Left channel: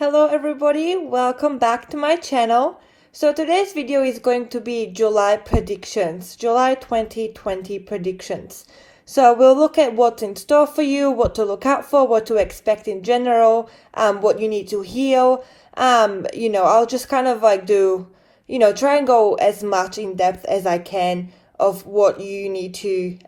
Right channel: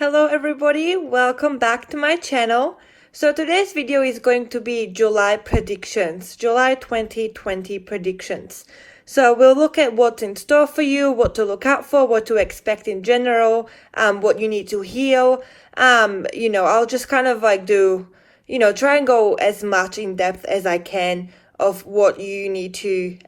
Hello everybody, welcome back to my channel. So today's video is going to be July predictions, July 2020 predictions. So we'll look at what's in store for you, what to look out for, what to expect in general, what you need to heal. I'll just kind of like do, try and go as much in depth as I can of what you need to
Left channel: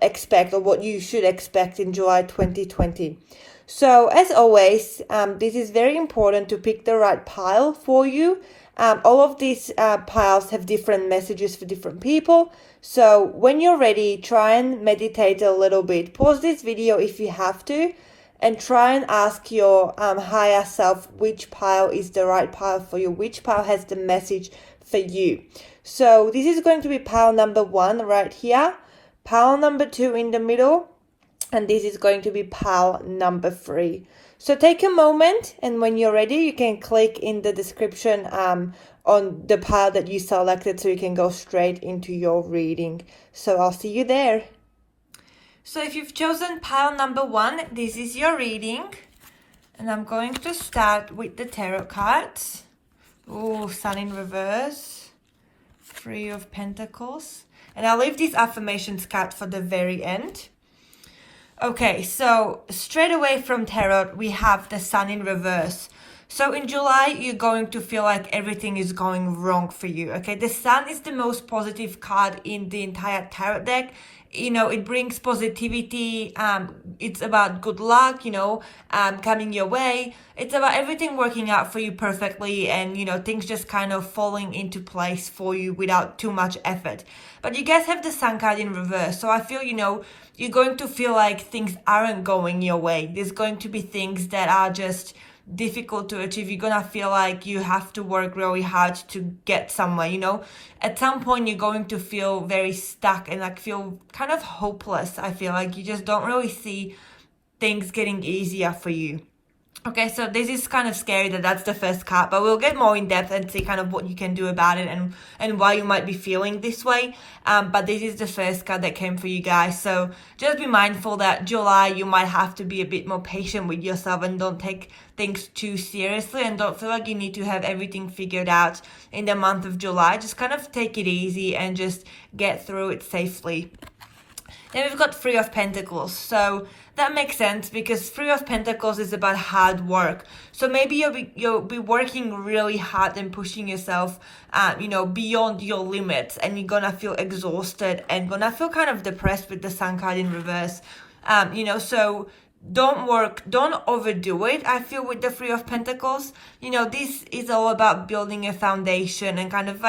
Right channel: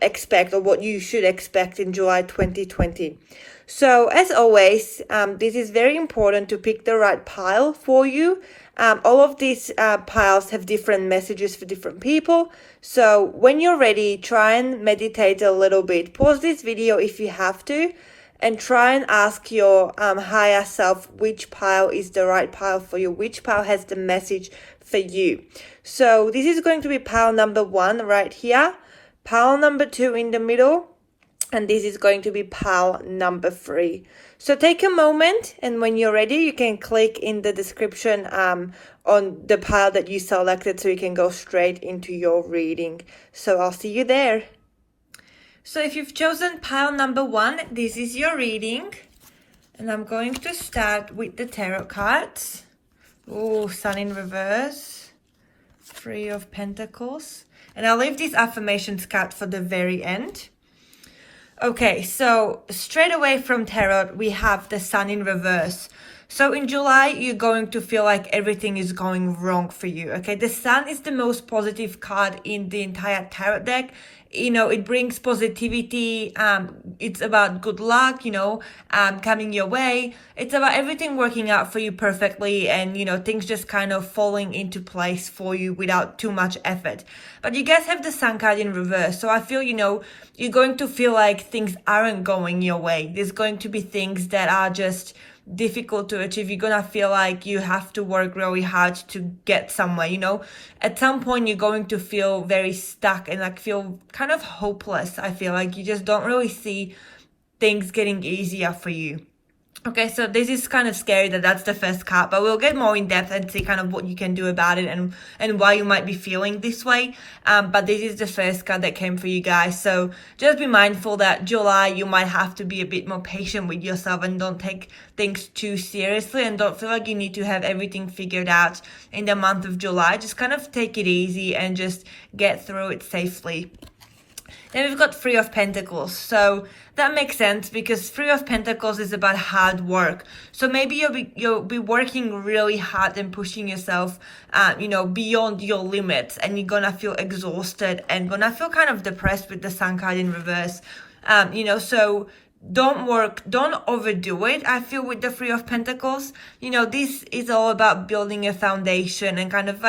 expect or what you should expect in July 2020. So as always, this is very important to pick the right pile for you. All of these piles have different messages for different people. So when you're ready, try and meditate a little bit. Pause this video if you have to, and try and ask your higher self which pile is the right pile for you, which pile has the message for you. So this is going to be pile number 1 right here, pile number 2 in the middle, and this is going to be pile number 3. So take a moment, and when you're ready, you can click in the description on the pile that you selected so you can go straight into your reading. So I'll see you there. So if you've chosen pile number 1, this is your reading. And I'm going to start with the tarot cards. Oh, Sun in reverse, 3 of Pentacles. And I'll leave this affirmations card for the very end. Okay, so straight away from tarot, we have the Sun in reverse. So in July, you're going to feel like everything is going wrong for you, okay? The Sun is the most positive card in the entire tarot deck. It brings positivity. It's about good luck, coming your way. It's about everything working out for you perfectly and, things just kind of falling into place for you without too much effort. But you guys have the Sun card in reverse. So I feel, you're going to feel like things aren't going your way. There's going to be things that are just difficult to achieve. You're gonna feel like you have to work really hard to get somewhere, At some point, you're going to feel very stuck and feel kind of hopeless. I feel like you just don't really see things getting easier for you. Okay, so this is kind of scary that's the first card, but we'll get more in depth and see kind of what you can do about it and why you might be feeling this way. But this is the first card that came for you guys. So just be mindful that July, you might have to be a bit more patient with yourself and don't take things too seriously and don't feel like you need to have everything figured out in the month of July. Just kind of take it easy and just get through it safely. Then we've got 3 of Pentacles. So that makes sense because 3 of Pentacles is about hard work. So maybe you'll be working really hard and pushing yourself, beyond your limits, and you're gonna feel exhausted and gonna feel kind of depressed with the Sun card in reverse. So don't overdo it. I feel with the 3 of Pentacles, this is all about building a foundation and kind of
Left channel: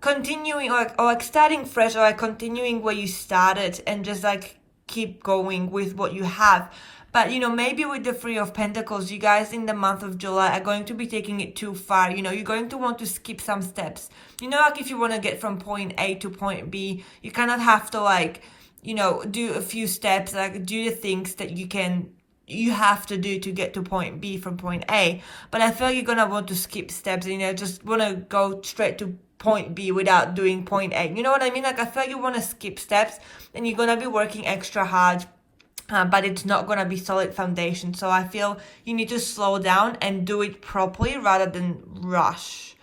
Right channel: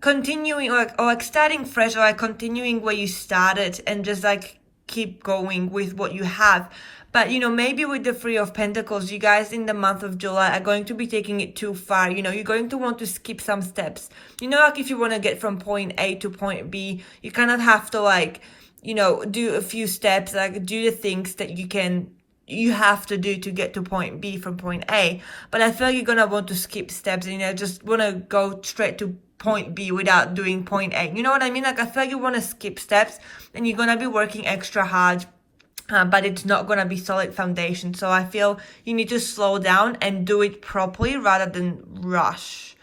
continuing or starting fresh or continuing where you started and just keep going with what you have. But maybe with the 3 of Pentacles, you guys in the month of July are going to be taking it too far. You're going to want to skip some steps. If you want to get from point A to point B, you kind of have to do a few steps, do the things that you have to do to get to point B from point A. But I feel like you're gonna want to skip steps and just want to go straight to point B without doing point A. You know what I mean? I feel like you want to skip steps and you're gonna be working extra hard, but it's not gonna be solid foundation. So I feel you need to slow down and do it properly rather than rush.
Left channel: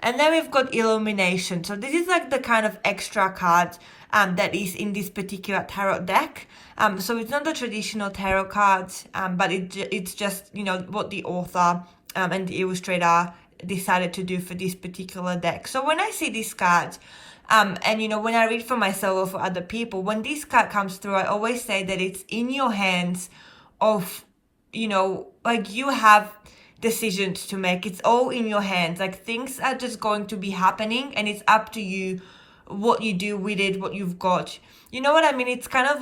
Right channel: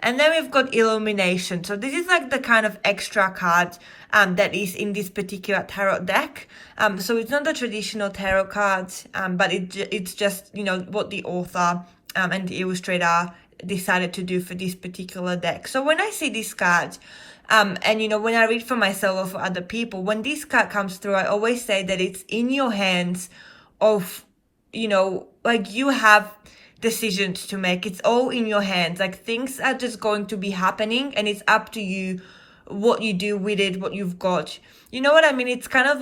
And then we've got Illumination. So this is the kind of extra card that is in this particular tarot deck. So it's not the traditional tarot cards, but it's just, what the author and the illustrator decided to do for this particular deck. So when I see this card, and when I read for myself or for other people, when this card comes through, I always say that it's in your hands of, you have decisions to make. It's all in your hands. Things are just going to be happening and it's up to you what you do with it, what you've got. You know what I mean? It's kind of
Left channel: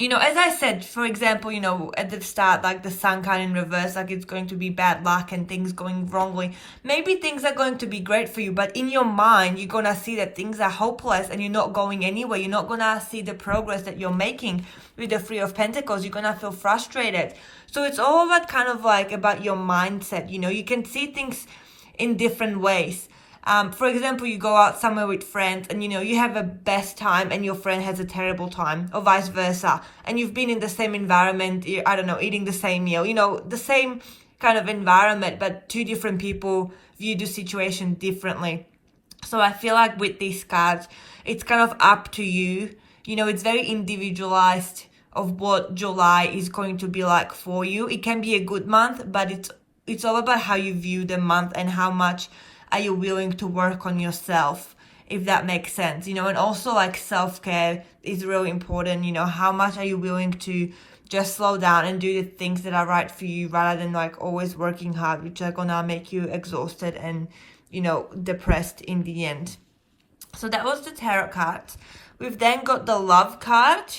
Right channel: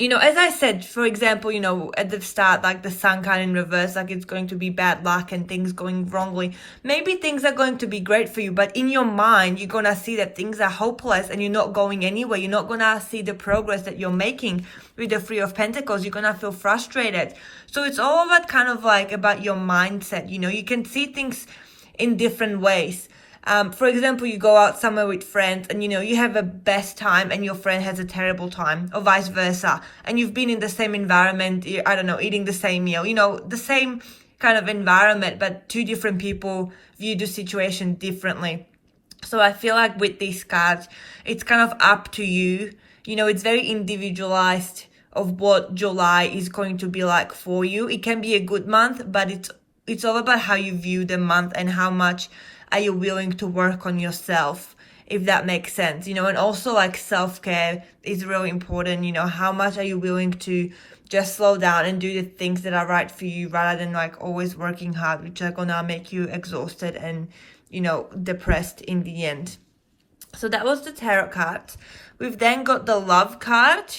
as I said, for example, at the start, the Sun card in reverse, it's going to be bad luck and things going wrongly. Maybe things are going to be great for you, but in your mind, you're going to see that things are hopeless and you're not going anywhere. You're not going to see the progress that you're making with the 3 of Pentacles. You're going to feel frustrated. So it's all about kind of about your mindset. You can see things in different ways. For example, you go out somewhere with friends and, you know, you have a best time and your friend has a terrible time, or vice versa. And you've been in the same environment, I don't know, eating the same meal, you know, the same kind of environment, but two different people view the situation differently. So I feel like with these cards, it's kind of up to you. You know, it's very individualized of what July is going to be like for you. It can be a good month, but it's all about how you view the month and how much are you willing to work on yourself, if that makes sense, you know. And also like self-care is really important, you know. How much are you willing to just slow down and do the things that are right for you, rather than like always working hard, which are gonna make you exhausted and, you know, depressed in the end. So that was the tarot cards. We've then got the love card.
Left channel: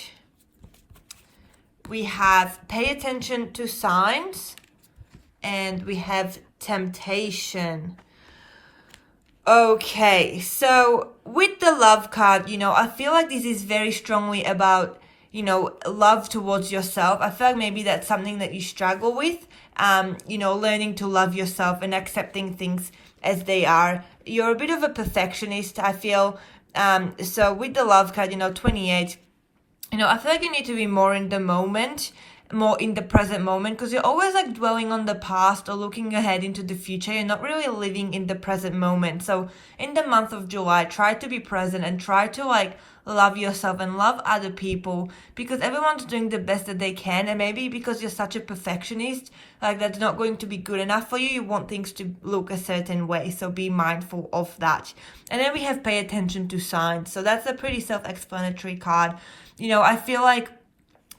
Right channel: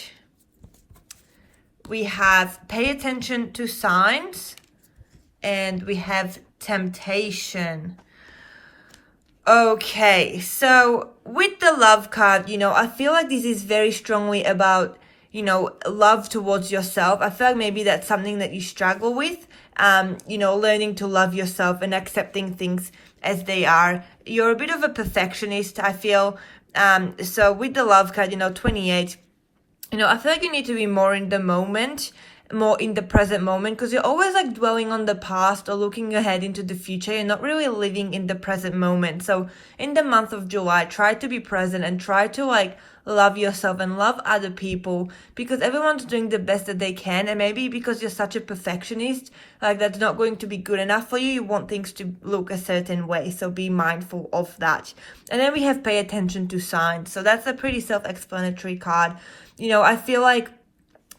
We have pay attention to signs, and we have temptation. Okay, so with the love card, you know, I feel like this is very strongly about, you know, love towards yourself. I feel like maybe that's something that you struggle with, you know, learning to love yourself and accepting things as they are. You're a bit of a perfectionist, I feel. So with the love card, you know, 28, you know, I feel like you need to be more in the moment, more in the present moment, because you're always like dwelling on the past or looking ahead into the future. You're not really living in the present moment. So in the month of July, try to be present and try to like love yourself and love other people, because everyone's doing the best that they can. And maybe because you're such a perfectionist, like that's not going to be good enough for you. You want things to look a certain way, so be mindful of that. And then we have pay attention to signs. So that's a pretty self-explanatory card. You know, I feel like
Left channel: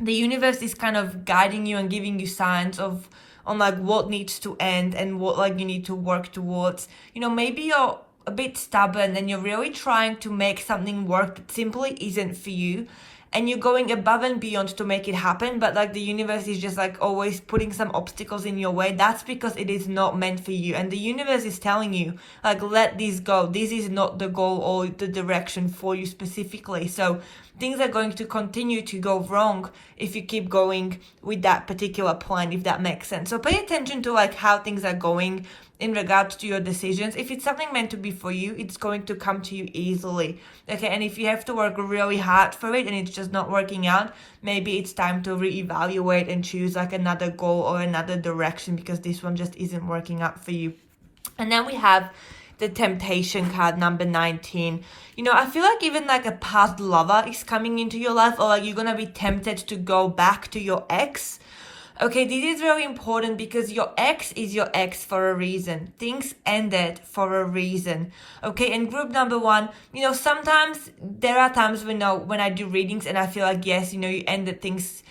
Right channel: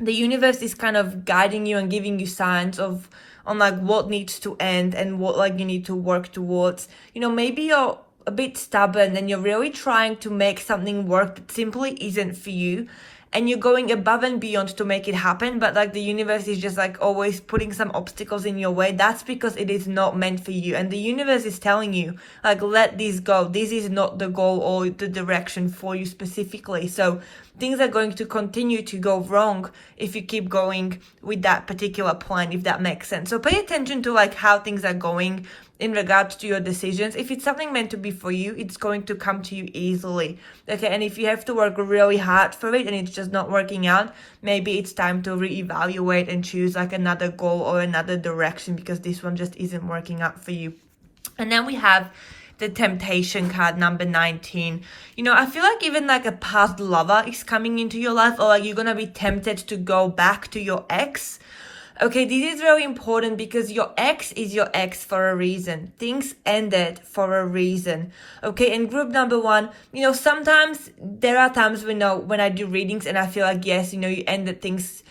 the universe is kind of guiding you and giving you signs on like what needs to end and what like you need to work towards. You know, maybe you're a bit stubborn and you're really trying to make something work that simply isn't for you, and you're going above and beyond to make it happen, but like the universe is just like always putting some obstacles in your way. That's because it is not meant for you, and the universe is telling you like, let this go. This is not the goal or the direction for you specifically. So things are going to continue to go wrong if you keep going with that particular plan, if that makes sense. So pay attention to like how things are going in regards to your decisions. If it's something meant to be for you, it's going to come to you easily. Okay, and if you have to work really hard for it and it's just not working out, maybe it's time to reevaluate and choose like another goal or another direction, because this one just isn't working out for you. And then we have the temptation card, number 19. You know, I feel like even like a past lover is coming into your life, or like you're gonna be tempted to go back to your ex. Okay, this is very important because your ex is your ex for a reason. Things ended for a reason. Okay, and group number 1, you know, sometimes there are times when I do readings and I feel like, yes, you know, you ended things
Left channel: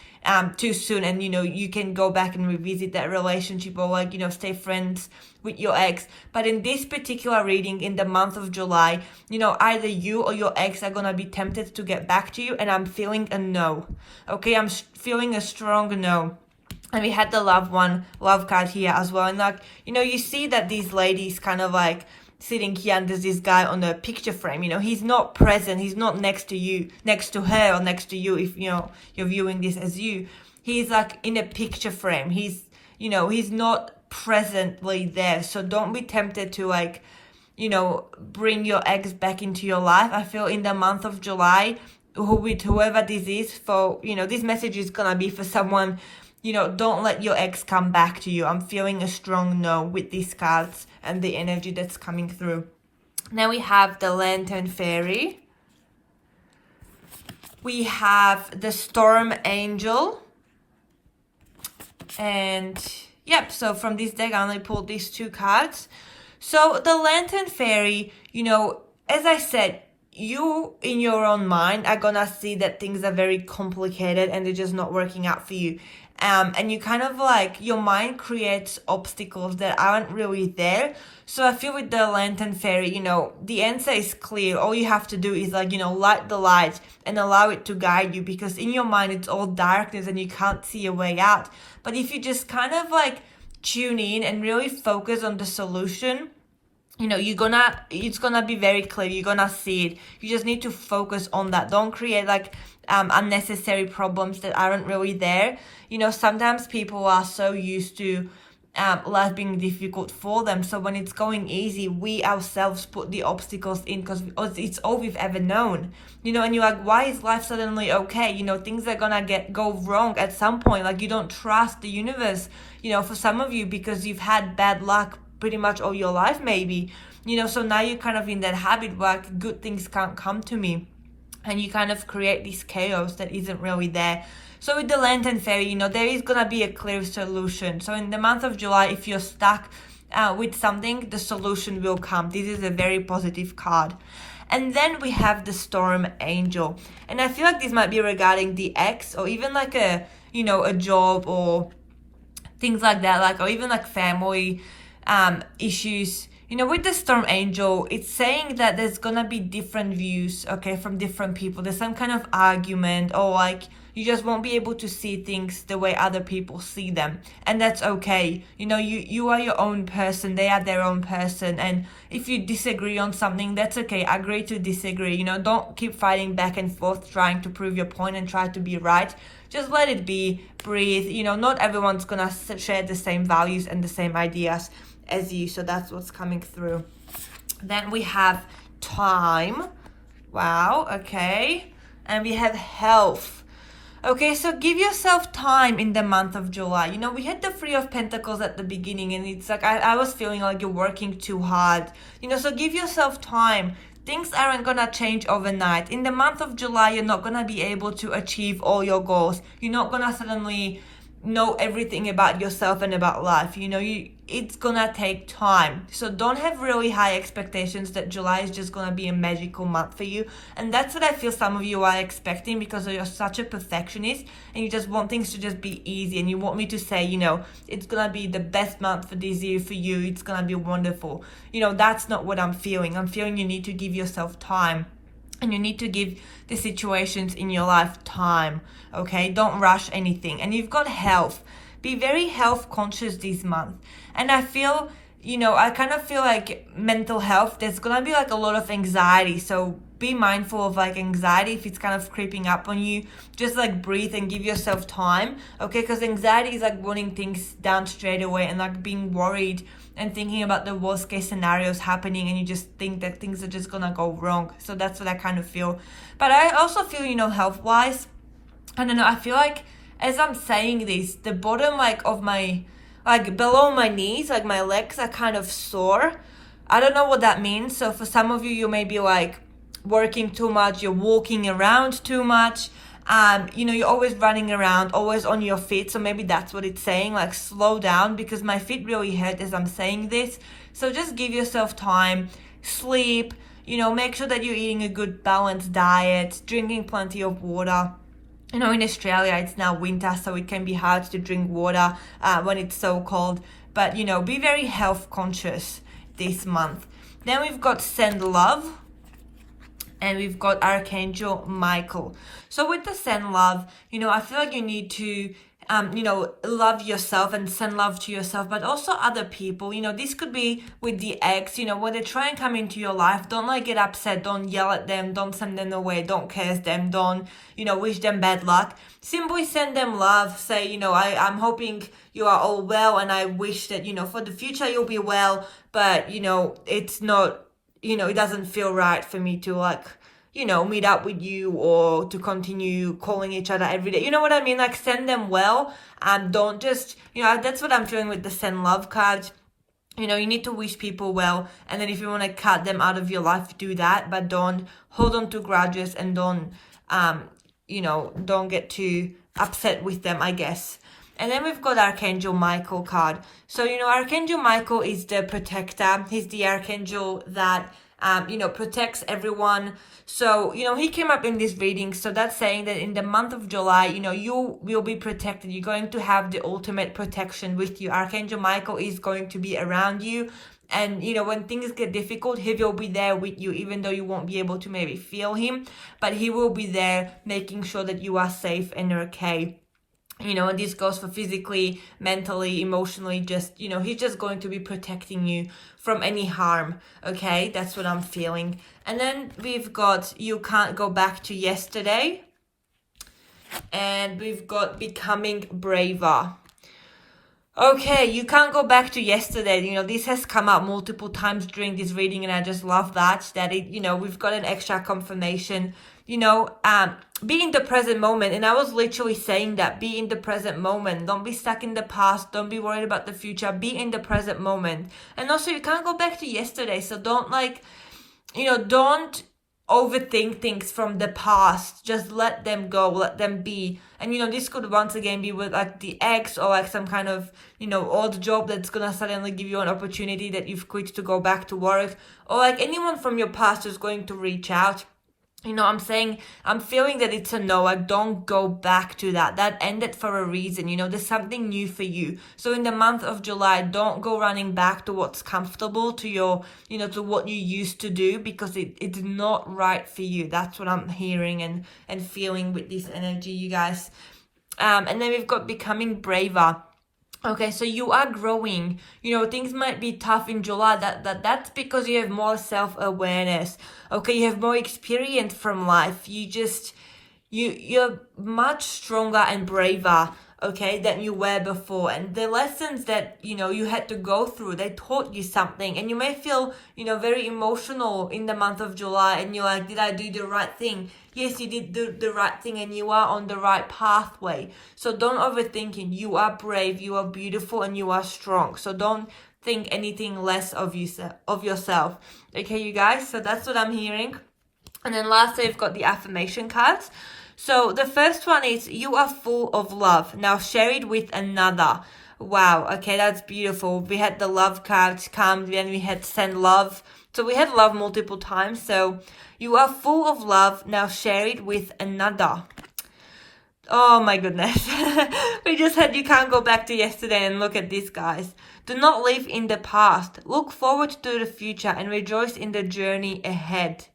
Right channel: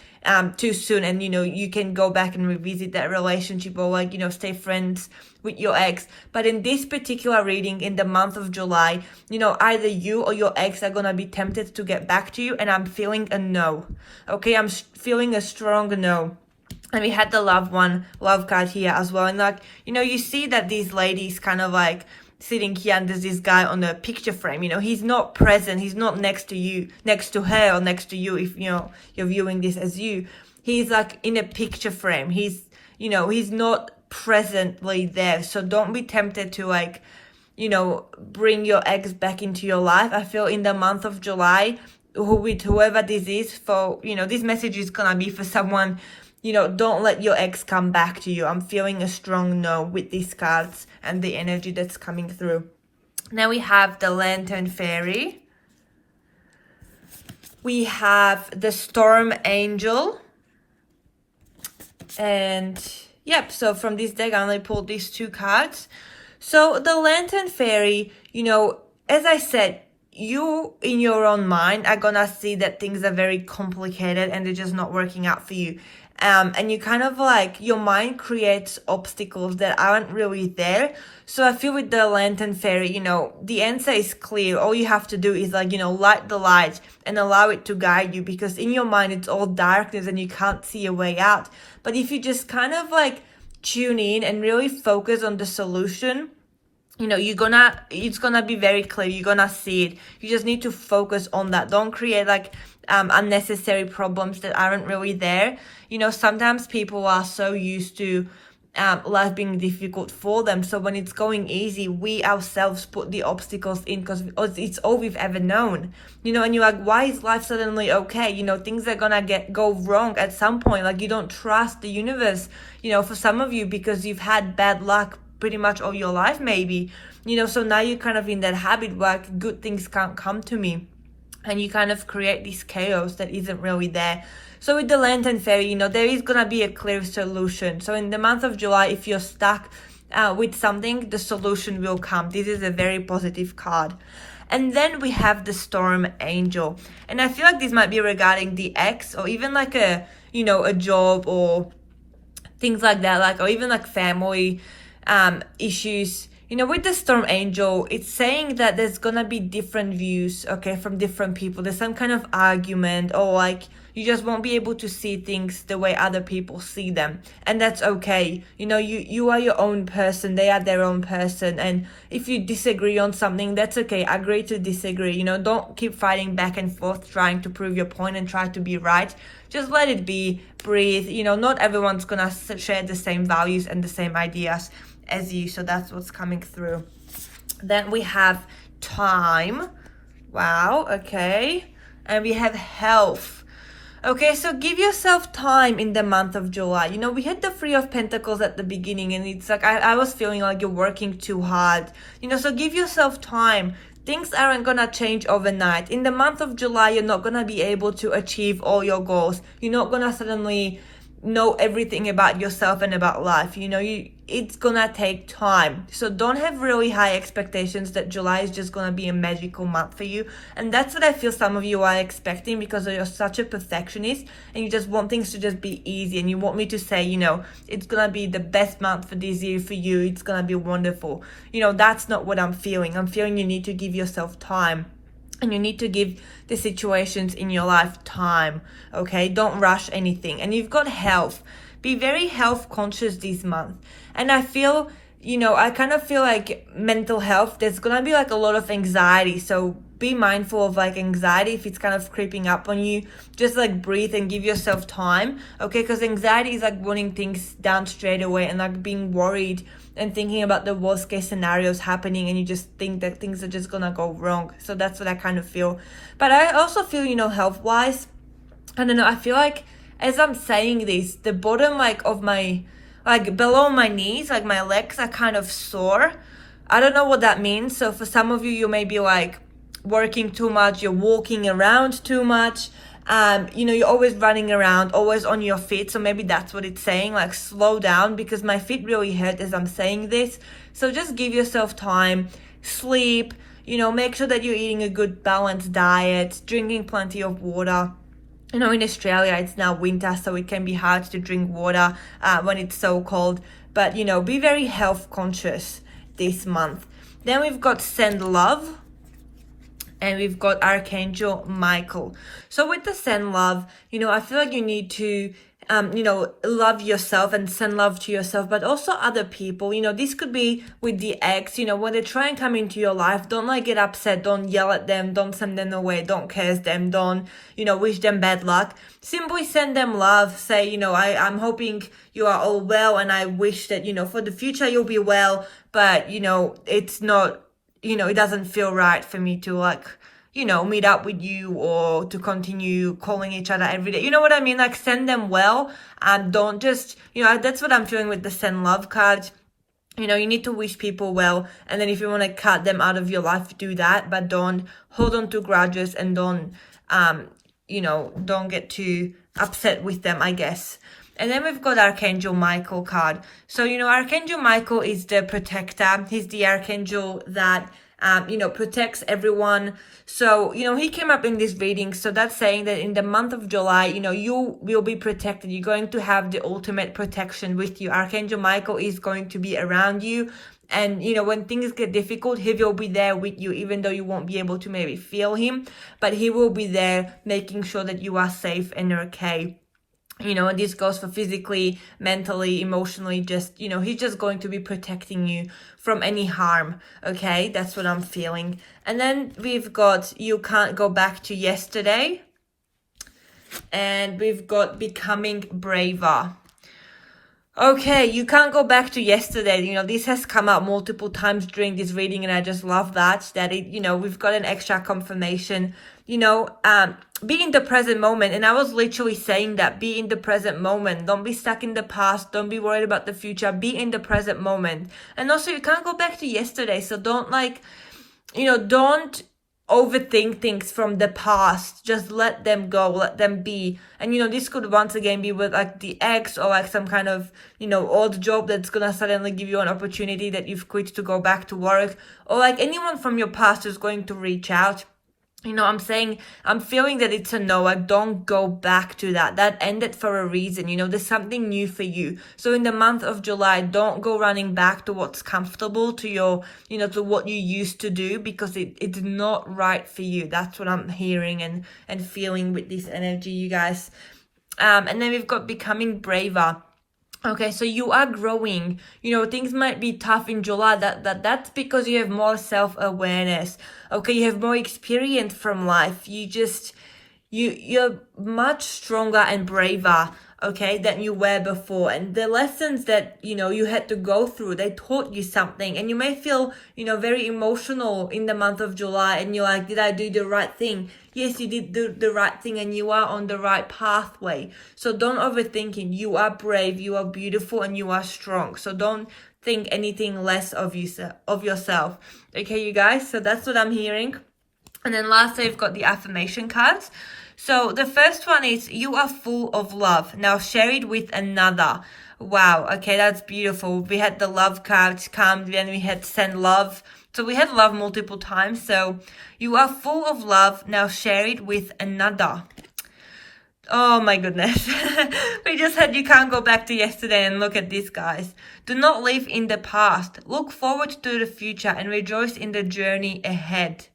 too soon, and you know, you can go back and revisit that relationship, or like, you know, stay friends with your ex. But in this particular reading, in the month of July, you know, either you or your ex are gonna be tempted to get back to you, and I'm feeling a no. Okay, I'm feeling a strong no. And we had the love card here as well. And like, you know, you see that these ladies kind of like sitting here, and there's this guy on the picture frame. You know, he's not present. He's not next to you, next to her, or next to you if, you know, you're viewing this as you. He's like in a picture frame. He's, you know, he's not presently there. So don't be tempted to like, you know, bring your ex back into your life. I feel in the month of July, with whoever this is for, you know, this message is gonna be for someone. You know, don't let your ex come back to you. I'm feeling a strong no with these cards and the energy that's coming through. Now we have the Lantern Fairy. We have the Storm Angel. And yep, so from this deck I only pulled these 2 cards. So the Lantern Fairy, you know, as I said, you in your own mind are gonna see that things are very complicated and they're just not working out for you. And you kind of like, your mind creates obstacles that aren't really there. So I feel with the Lantern Fairy, you know, the answer is clear. All you have to do is like, you know, light the light and allow it to guide you, because in your mind it's all darkness and you can't see a way out. But if you just kind of like tune in and really focus on the solution, you know, it's gonna be very clear. You're gonna see it. You just need to focus on that. Don't create like unnecessary problems that aren't really there. You know, sometimes people are so used to life being difficult for them. So when it's going easy, we ourselves put the obstacles in because it's all we've ever known, you know. And you're like, why is life suddenly okay? You know, things are gonna go wrong at some point. Like, you don't trust the universe, you know, for some of you, because you've had bad luck pretty much all your life, maybe, you know. So now you're kind of in that habit where like, good things can't come to me, and you kind of create this chaos that isn't really there. So with the Lantern Fairy, you know, there is gonna be a clear solution. So in the month of July, if you're stuck with something, the solution will come. This is a very positive card. And then we have the Storm Angel, and I feel like this might be regarding the ex, or even like a, you know, a job or things like that, like, or even like family issues. You know, with the Storm Angel, it's saying that there's gonna be different views, okay, from different people. There's some kind of argument, or like you just won't be able to see things the way other people see them, and that's okay. You know, you are your own person, they are their own person, and if you disagree on something, that's okay. Agree to disagree. You know, don't keep fighting back and forth trying to prove your point and try to be right. Just let it be, breathe. You know, not everyone's gonna share the same values and the same ideas as you, so that's what's coming through. Then we have time. Wow, okay. And we have health. Okay, so give yourself time in the month of July. You know, we had the Three of Pentacles at the beginning, and it's like I was feeling like you're working too hard. You know, so give yourself time. Things aren't gonna change overnight. In the month of July, you're not gonna be able to achieve all your goals. You're not gonna suddenly know everything about yourself and about life. You know, it's gonna take time. So don't have really high expectations that July is just gonna be a magical month for you. And that's what I feel some of you are expecting, because you're such a perfectionist and you just want things to just be easy, and you want me to say, you know, it's gonna be the best month for this year for you, it's gonna be wonderful. You know, that's not what I'm feeling. I'm feeling you need to give yourself time, and you need to give the situations in your life time, okay? Don't rush anything. And you've got health. Be very health conscious this month. And I feel, you know, I kind of feel like mental health, there's gonna be like a lot of anxiety. So be mindful of like anxiety if it's kind of creeping up on you. Just like breathe and give yourself time, okay? Because anxiety is like wanting things done straight away and like being worried and thinking about the worst case scenarios happening, and you just think that things are just gonna go wrong. So that's what I kind of feel. But I also feel, you know, health wise, I don't know, I feel like as I'm saying this, the bottom like of my, like below my knees, like my legs are kind of sore. I don't know what that means. So for some of you, you may be like working too much, you're walking around too much. You know, you're always running around, always on your feet. So maybe that's what it's saying, like slow down, because my feet really hurt as I'm saying this. So just give yourself time, sleep, you know, make sure that you're eating a good balanced diet, drinking plenty of water. You know, in Australia, it's now winter, so it can be hard to drink water when it's so cold. But, you know, be very health conscious this month. Then we've got Send Love. And we've got Archangel Michael. So with the send love, you know, I feel like you need to, you know, love yourself and send love to yourself, but also other people. You know, this could be with the ex, you know, when they try and come into your life, don't like get upset, don't yell at them, don't send them away, don't curse them, don't, you know, wish them bad luck. Simply send them love. Say, you know, I'm hoping you are all well, and I wish that, you know, for the future you'll be well, but, you know, it's not, you know, it doesn't feel right for me to like, you know, meet up with you or to continue calling each other every day. You know what I mean? Like send them well, and don't just, you know, that's what I'm feeling with the send love cards. You know, you need to wish people well, and then if you want to cut them out of your life, do that, but don't hold on to grudges, and don't, you know, don't get too upset with them, I guess. And then we've got Archangel Michael card. So, you know, Archangel Michael is the protector. He's the archangel that, you know, protects everyone. So, you know, he came up in this reading. So that's saying that in the month of July, you know, you will be protected. You're going to have the ultimate protection with you. Archangel Michael is going to be around you. And, you know, when things get difficult, he will be there with you, even though you won't be able to maybe feel him. But he will be there making sure that you are safe and okay. You know, and this goes for physically, mentally, emotionally, just, you know, he's just going to be protecting you from any harm, okay? That's what I'm feeling. And then we've got You Can't Go Back to Yesterday. And we've got Becoming Braver. Okay, you can't go back to yesterday. This has come up multiple times during this reading, and I just love that we've got an extra confirmation. Be in the present moment. And I was literally saying that, be in the present moment. Don't be stuck in the past. Don't be worried about the future. Be in the present moment. And also, you can't go back to yesterday. So don't don't overthink things from the past. Just let them go, let them be. And this could once again be with like the ex, or like some kind of old job that's gonna suddenly give you an opportunity that you've quit to go back to work, or like anyone from your past who's going to reach out. I'm feeling that it's a no. Like, don't go back to that ended for a reason. There's something new for you. So in the month of July, don't go running back to what's comfortable, to your to what you used to do, because it's not right for you. That's what I'm hearing and feeling with this energy, you guys. And then we've got becoming braver. Okay, so you are growing. Things might be tough in July. That's because you have more self-awareness. Okay, you have more experience from life. You're much stronger and braver, okay, than you were before. And the lessons that, you had to go through, they taught you something. And you may feel, very emotional in the month of July, and you're like, did I do the right thing? Yes, you did do the right thing, and you are on the right pathway. So don't overthink it. You are brave, you are beautiful, and you are strong. So don't think anything less of yourself. Okay, you guys? So that's what I'm hearing. And then lastly, I've got the affirmation cards. So the first one is, you are full of love. Now share it with another. Wow. Okay, that's beautiful. We had the love cards come, then we had send love. So we had love multiple times. So you are full of love. Now share it with another. Oh my goodness. We just had, you can't go back to yesterday, and look at this, guys. Do not live in the past. Look forward to the future and rejoice in the journey ahead.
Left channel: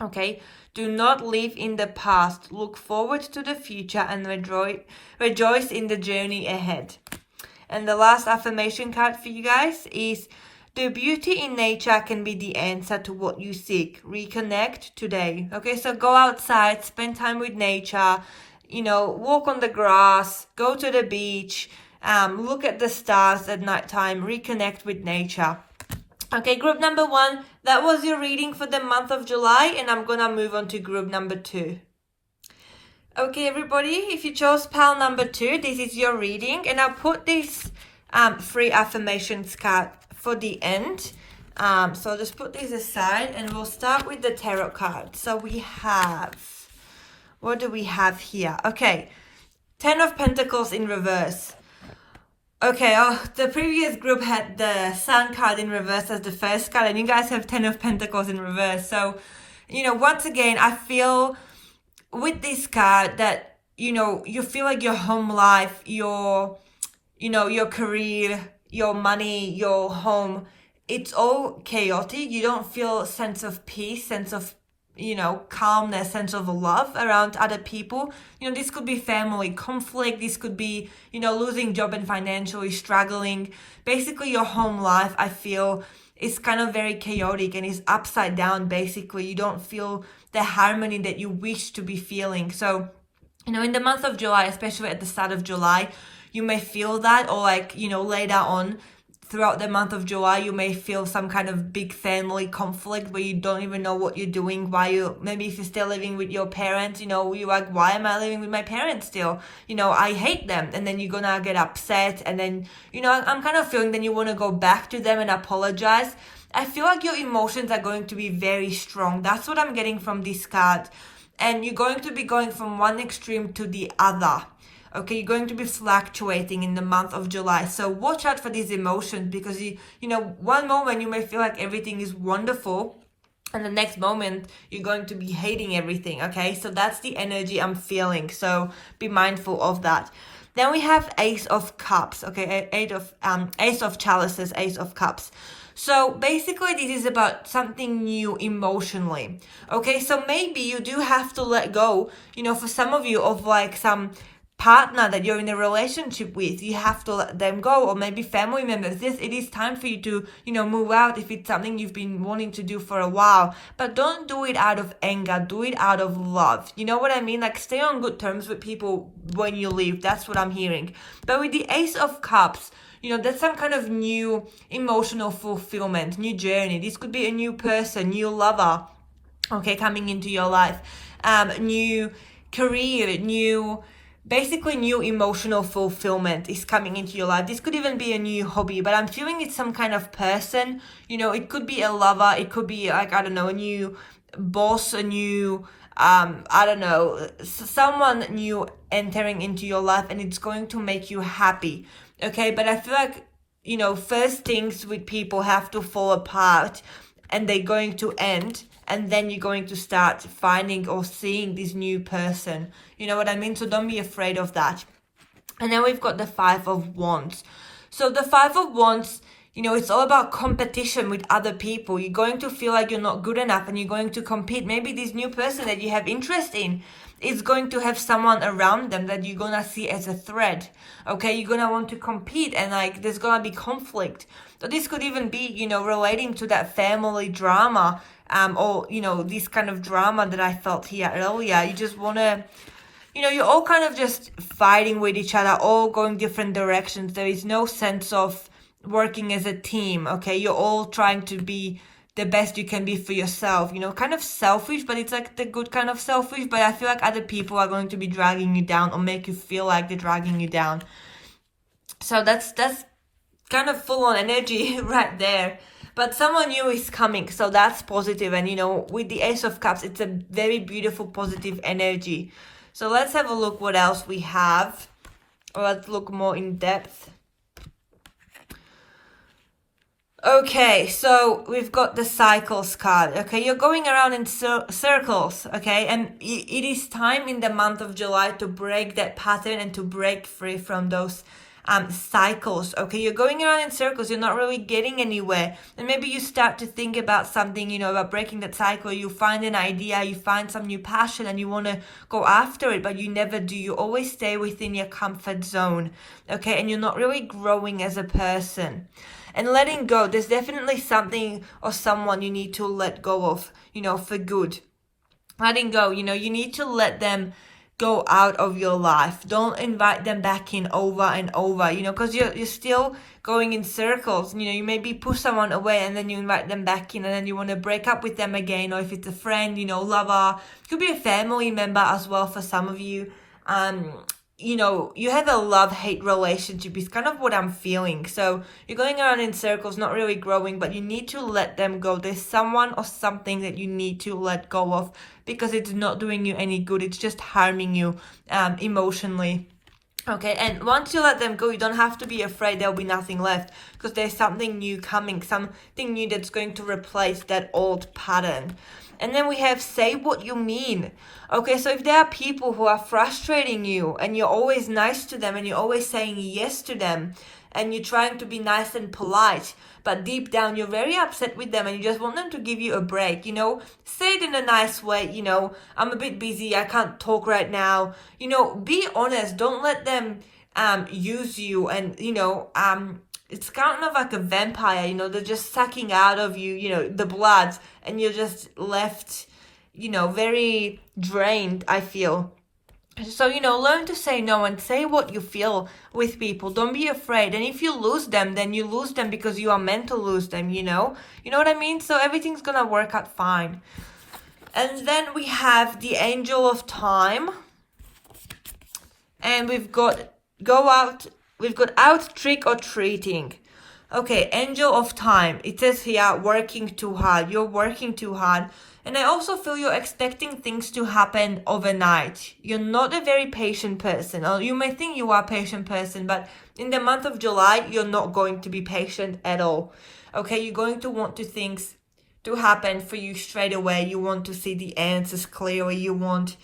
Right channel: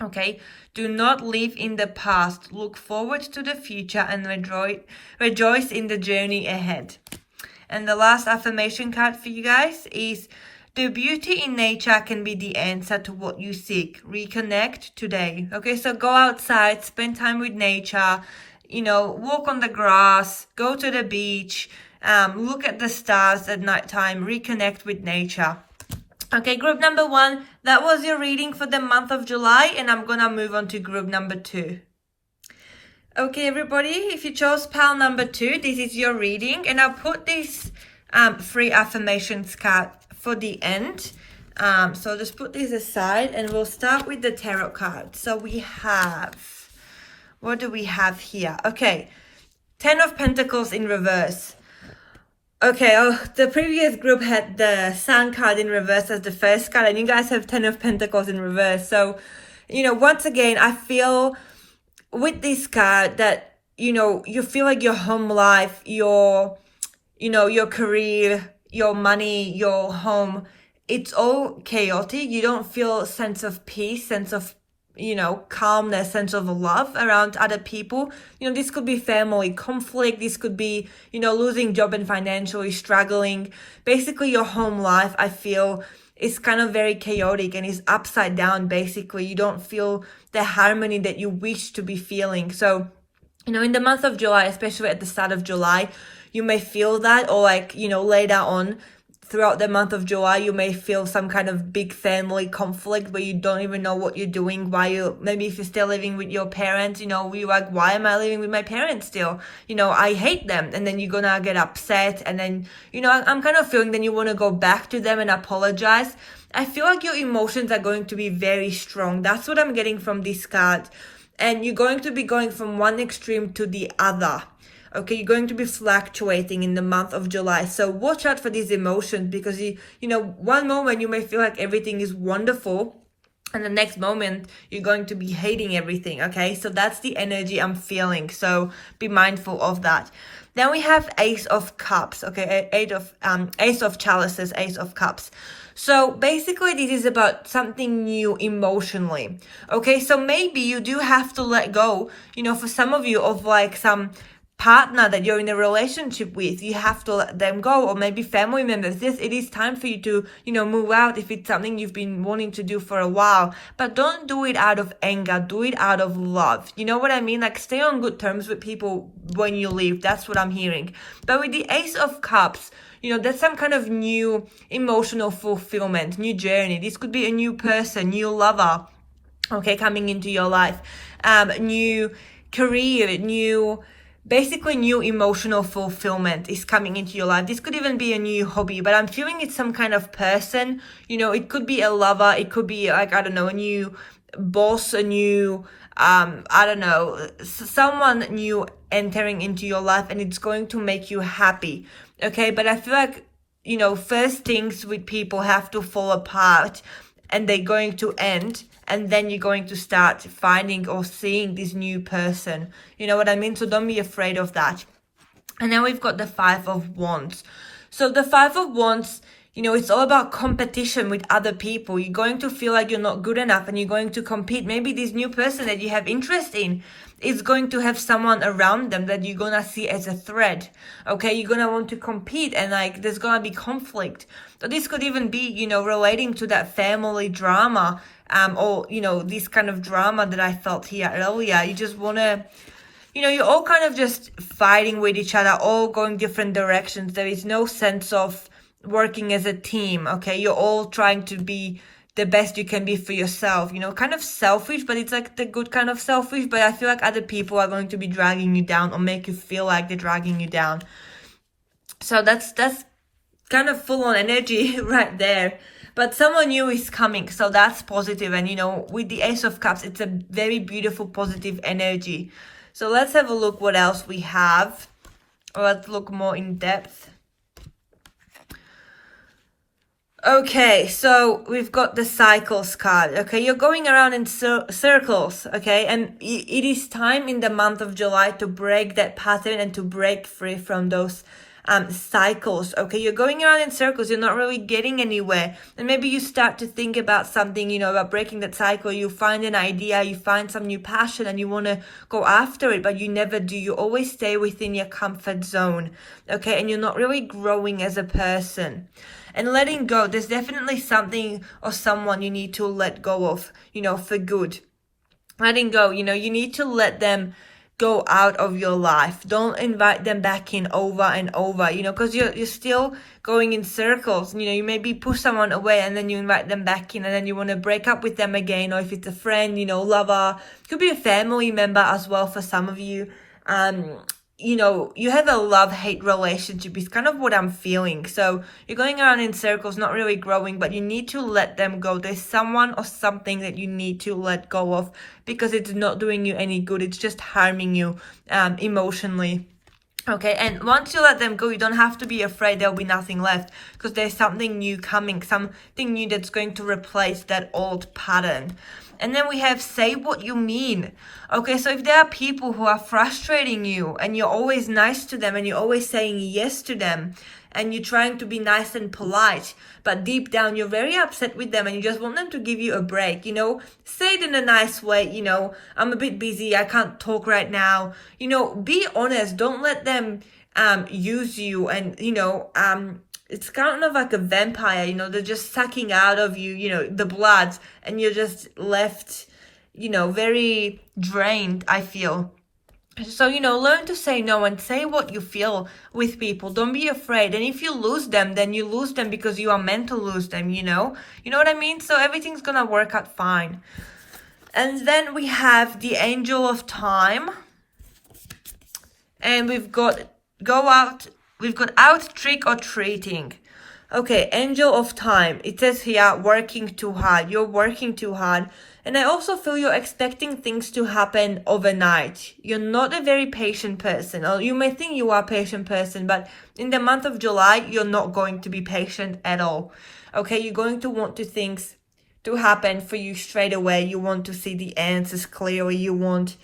Okay. Do not live in the past. Look forward to the future and rejoice in the journey ahead. And the last affirmation card for you guys is, the beauty in nature can be the answer to what you seek. Reconnect today. Okay, so go outside, spend time with nature, walk on the grass, go to the beach, look at the stars at nighttime, reconnect with nature. Okay, group number 1, that was your reading for the month of July, and I'm gonna move on to group number 2. Okay, everybody, if you chose pile number 2, this is your reading, and I'll put this 3 affirmations card for the end. So just put these aside, and we'll start with the tarot card. So we have, what do we have here? Okay, 10 of Pentacles in reverse. Okay, the previous group had the Sun card in reverse as the first card, and you guys have 10 of Pentacles in reverse. So, once again, I feel with this card that, you feel like your home life, your career, your money, your home, it's all chaotic. You don't feel a sense of peace, sense of calmness, sense of love around other people. This could be family conflict. This could be, losing job and financially struggling. Basically, your home life, I feel, is kind of very chaotic and is upside down. Basically, you don't feel the harmony that you wish to be feeling. So, in the month of July, especially at the start of July, you may feel that, or later on, throughout the month of July, you may feel some kind of big family conflict where you don't even know what you're doing, maybe if you're still living with your parents, you're like, why am I living with my parents still? I hate them. And then you're gonna get upset, and then, I'm kind of feeling then you want to go back to them and apologize. I feel like your emotions are going to be very strong. That's what I'm getting from this card. And you're going to be going from one extreme to the other. Okay, you're going to be fluctuating in the month of July. So watch out for these emotions, because one moment you may feel like everything is wonderful, and the next moment you're going to be hating everything. Okay, so that's the energy I'm feeling. So be mindful of that. Then we have Ace of Cups. Okay, Ace of Chalices, Ace of Cups. So basically this is about something new emotionally. Okay, so maybe you do have to let go, for some of you, of like some partner that you're in a relationship with, you have to let them go, or maybe family members. Yes, it is time for you to, move out if it's something you've been wanting to do for a while, but don't do it out of anger, do it out of love. You know what I mean? Like, stay on good terms with people when you leave. That's what I'm hearing. But with the Ace of Cups, that's some kind of new emotional fulfillment, new journey. This could be a new person, new lover, okay, coming into your life, new career, basically new emotional fulfillment is coming into your life. This could even be a new hobby, but I'm feeling it's some kind of person. It could be a lover, it could be like, I don't know, a new boss, a new I don't know, someone new entering into your life, and it's going to make you happy. Okay, but I feel like, first things with people have to fall apart, and they're going to end, and then you're going to start finding or seeing this new person. You know what I mean? So don't be afraid of that. And then we've got the Five of Wands. So the Five of Wands, it's all about competition with other people. You're going to feel like you're not good enough, and you're going to compete. Maybe this new person that you have interest in is going to have someone around them that you're gonna see as a threat. Okay, you're gonna want to compete, and like there's gonna be conflict. So this could even be, relating to that family drama, or this kind of drama that I felt here earlier. You just wanna, you're all kind of just fighting with each other, all going different directions. There is no sense of working as a team. Okay, you're all trying to be the best you can be for yourself, kind of selfish, but it's like the good kind of selfish. But I feel like other people are going to be dragging you down, or make you feel like they're dragging you down. So that's kind of full on energy right there. But someone new is coming, so that's positive. And with the Ace of Cups, it's a very beautiful positive energy. So let's have a look what else we have. Let's look more in depth. Okay, so we've got the Cycles card. Okay, you're going around in circles, okay? And it is time in the month of July to break that pattern and to break free from those cycles. Okay, you're going around in circles, you're not really getting anywhere. And maybe you start to think about something, about breaking that cycle. You find an idea, you find some new passion, and you want to go after it, but you never do. You always stay within your comfort zone, okay? And you're not really growing as a person. And letting go, there's definitely something or someone you need to let go of, for good. Letting go, you need to let them go out of your life. Don't invite them back in over and over, because you're still going in circles. You maybe push someone away, and then you invite them back in, and then you want to break up with them again. Or if it's a friend, lover, it could be a family member as well for some of you. You have a love-hate relationship is kind of what I'm feeling. So you're going around in circles, not really growing, but you need to let them go. There's someone or something that you need to let go of, because it's not doing you any good. It's just harming you emotionally. Okay, and once you let them go, you don't have to be afraid there'll be nothing left, because there's something new coming, something new that's going to replace that old pattern. And then we have say what you mean. Okay, so if there are people who are frustrating you, and you're always nice to them, and you're always saying yes to them, and you're trying to be nice and polite, but deep down you're very upset with them, and you just want them to give you a break, say it in a nice way, I'm a bit busy, I can't talk right now, be honest. Don't let them use you, and it's kind of like a vampire, they're just sucking out of you, the blood, and you're just left, very drained, I feel. So, learn to say no and say what you feel with people. Don't be afraid. And if you lose them, then you lose them because you are meant to lose them, You know what I mean? So everything's gonna work out fine. And then we have the Angel of Time. And we've got out trick or treating. Okay, Angel of Time. It says here, working too hard. You're working too hard. And I also feel you're expecting things to happen overnight. You're not a very patient person. Or you may think you are a patient person, but in the month of July, you're not going to be patient at all. Okay, you're going to want things to happen for you straight away. You want to see the answers clearly. You want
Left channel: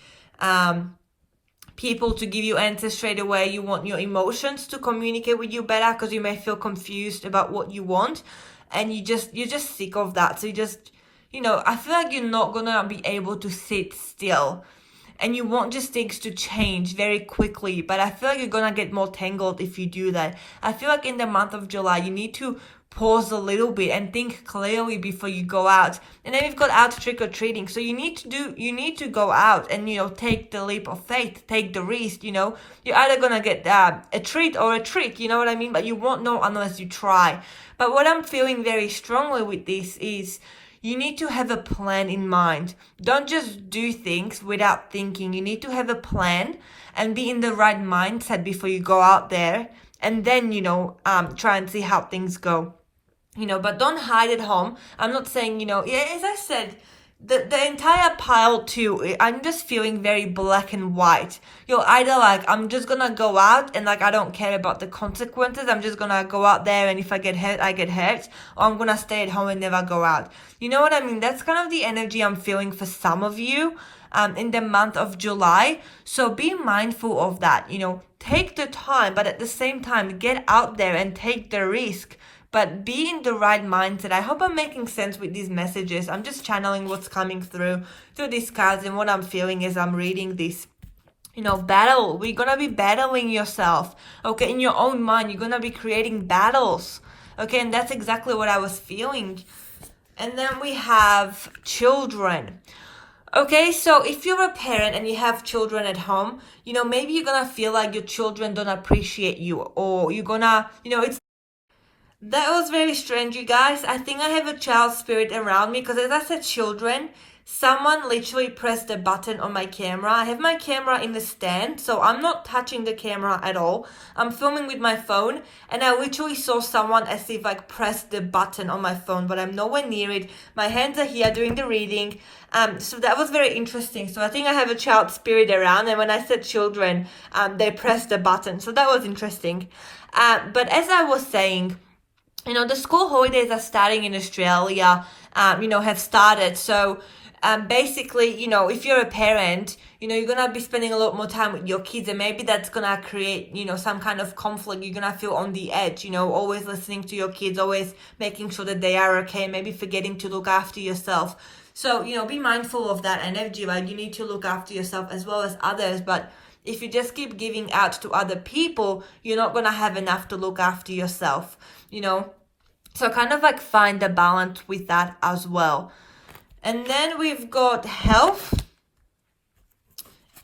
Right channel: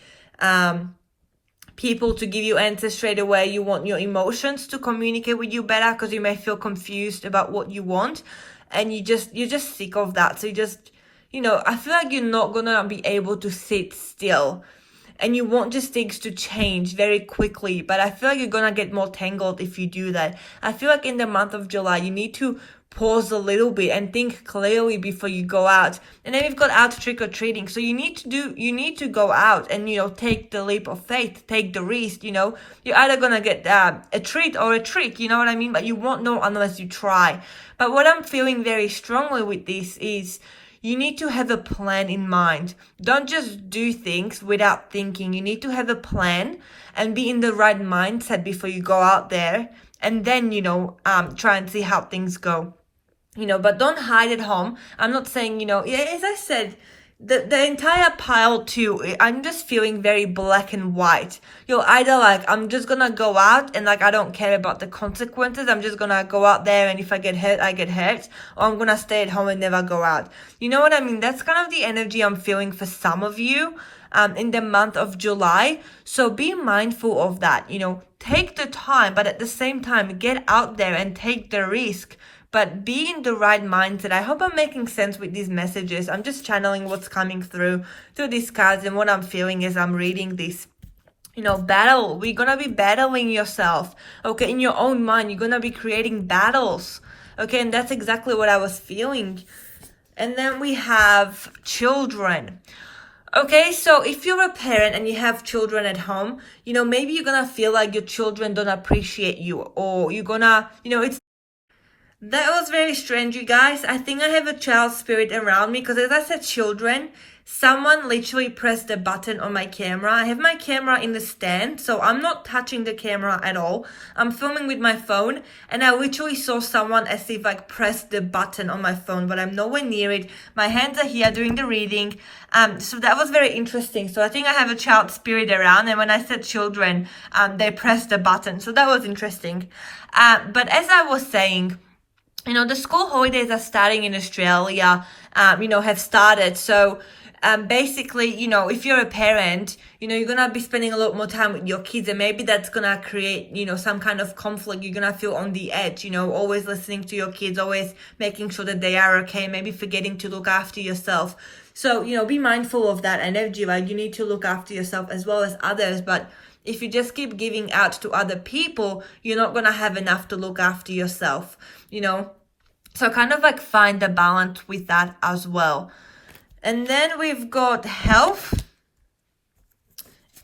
people to give you answers straight away. You want your emotions to communicate with you better, because you may feel confused about what you want, and you're just sick of that. So you just, I feel like you're not gonna be able to sit still. and you want just things to change very quickly. But I feel like you're gonna get more tangled if you do that. I feel like in the month of July, you need to pause a little bit and think clearly before you go out. And then you've got out trick-or-treating, so you need to go out and, you know, take the leap of faith, take the risk. You know, you're either gonna get a treat or a trick, you know what I mean? But you won't know unless you try. But what I'm feeling very strongly with this is you need to have a plan in mind. Don't just do things without thinking. You need to have a plan and be in the right mindset before you go out there, and then, you know, try and see how things go. You know, but don't hide at home. I'm not saying, you know, yeah, as I said, the entire pile too, I'm just feeling very black and white. You're either like, I'm just gonna go out and like I don't care about the consequences, I'm just gonna go out there and if I get hurt, I get hurt, or I'm gonna stay at home and never go out. You know what I mean? That's kind of the energy I'm feeling for some of you in the month of July. So be mindful of that. You know, take the time, but at the same time, get out there and take the risk. But be in the right mindset. I hope I'm making sense with these messages. I'm just channeling what's coming through these cards, and what I'm feeling as I'm reading this. You know, battle. We're going to be battling yourself. Okay, in your own mind, you're going to be creating battles. Okay, and that's exactly what I was feeling. And then we have children. Okay, so if you're a parent and you have children at home, you know, maybe you're going to feel like your children don't appreciate you, or you're going to, you know, that was very strange, you guys. I think I have a child spirit around me, because as I said children, someone literally pressed the button on my camera. I have my camera in the stand, so I'm not touching the camera at all. I'm filming with my phone, and I literally saw someone as if like pressed the button on my phone, but I'm nowhere near it. My hands are here doing the reading. So that was very interesting. So I think I have a child spirit around, and when I said children, they pressed the button. So that was interesting. But as I was saying, you know, the school holidays are starting in Australia, you know, have started. So basically, you know, if you're a parent, you know, you're going to be spending a lot more time with your kids, and maybe that's going to create, you know, some kind of conflict. You're going to feel on the edge, you know, always listening to your kids, always making sure that they are okay, maybe forgetting to look after yourself. So, you know, be mindful of that energy. Like, you need to look after yourself as well as others. But if you just keep giving out to other people, you're not going to have enough to look after yourself, you know. So kind of like find the balance with that as well. And then we've got health.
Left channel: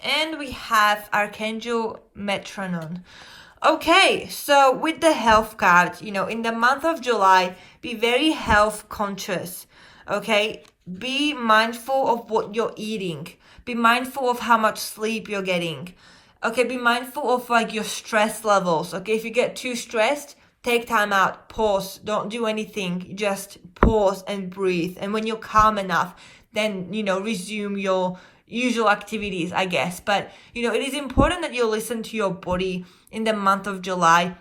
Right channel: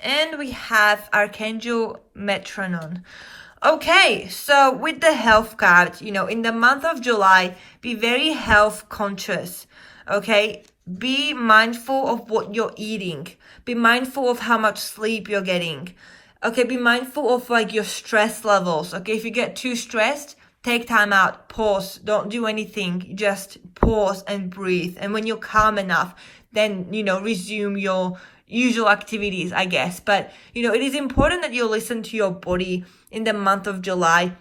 And we have Archangel Metronon. Okay, so with the health card, you know, in the month of July, be very health conscious. Okay, be mindful of what you're eating. Be mindful of how much sleep you're getting. Okay, be mindful of like your stress levels. Okay, if you get too stressed, take time out, pause, don't do anything, just pause and breathe. And when you're calm enough, then, you know, resume your usual activities, I guess. But, you know, it is important that you listen to your body in the month of July.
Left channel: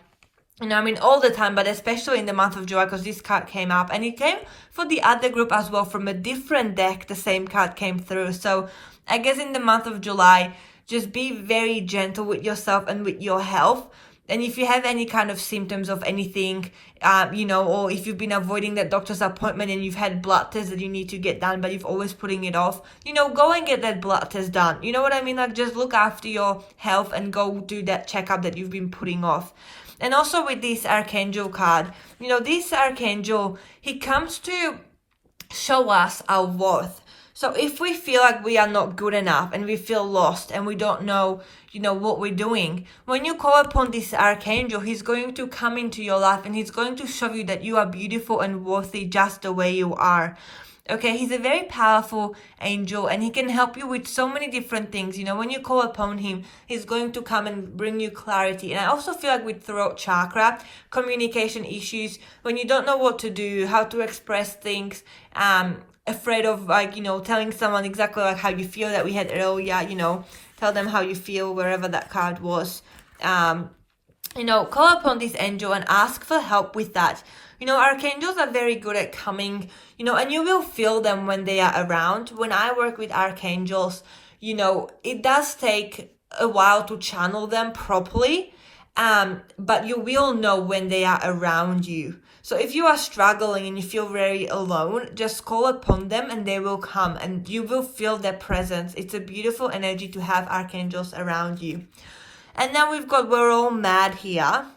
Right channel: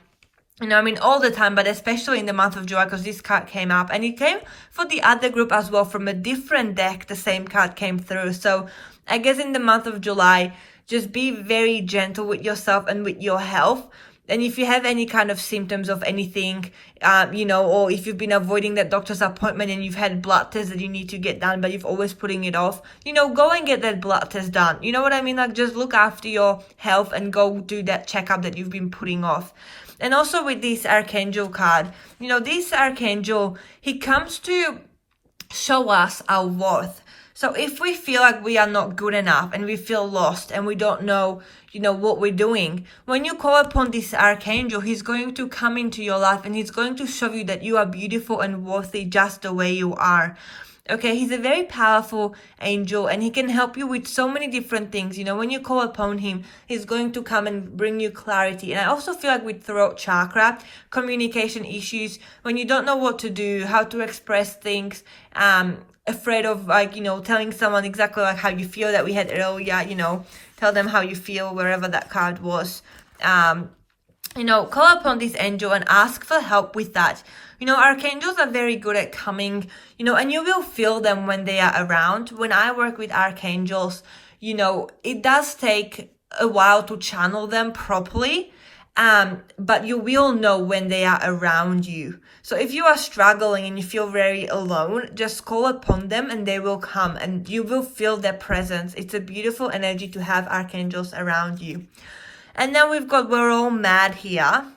You know, I mean, all the time, but especially in the month of July, because this card came up, and it came for the other group as well from a different deck. The same card came through. So I guess in the month of July, just be very gentle with yourself and with your health. And if you have any kind of symptoms of anything, you know, or if you've been avoiding that doctor's appointment and you've had blood tests that you need to get done, but you've always putting it off, you know, go and get that blood test done. You know what I mean? Like, just look after your health and go do that checkup that you've been putting off. And also with this Archangel card, you know, this Archangel, he comes to show us our worth. So if we feel like we are not good enough and we feel lost and we don't know, you know, what we're doing, when you call upon this Archangel, he's going to come into your life and he's going to show you that you are beautiful and worthy just the way you are. Okay, he's a very powerful angel and he can help you with so many different things. You know, when you call upon him, he's going to come and bring you clarity. And I also feel like with throat chakra, communication issues, when you don't know what to do, how to express things, afraid of, like, you know, telling someone exactly like how you feel that we had earlier, you know, tell them how you feel, wherever that card was. You know, call upon this angel and ask for help with that. You know, archangels are very good at coming, you know, and you will feel them when they are around. When I work with archangels, you know, it does take a while to channel them properly. but you will know when they are around you. So if you are struggling and you feel very alone, just call upon them and they will come and you will feel their presence. It's a beautiful energy to have archangels around you. And then we've got we're all mad here.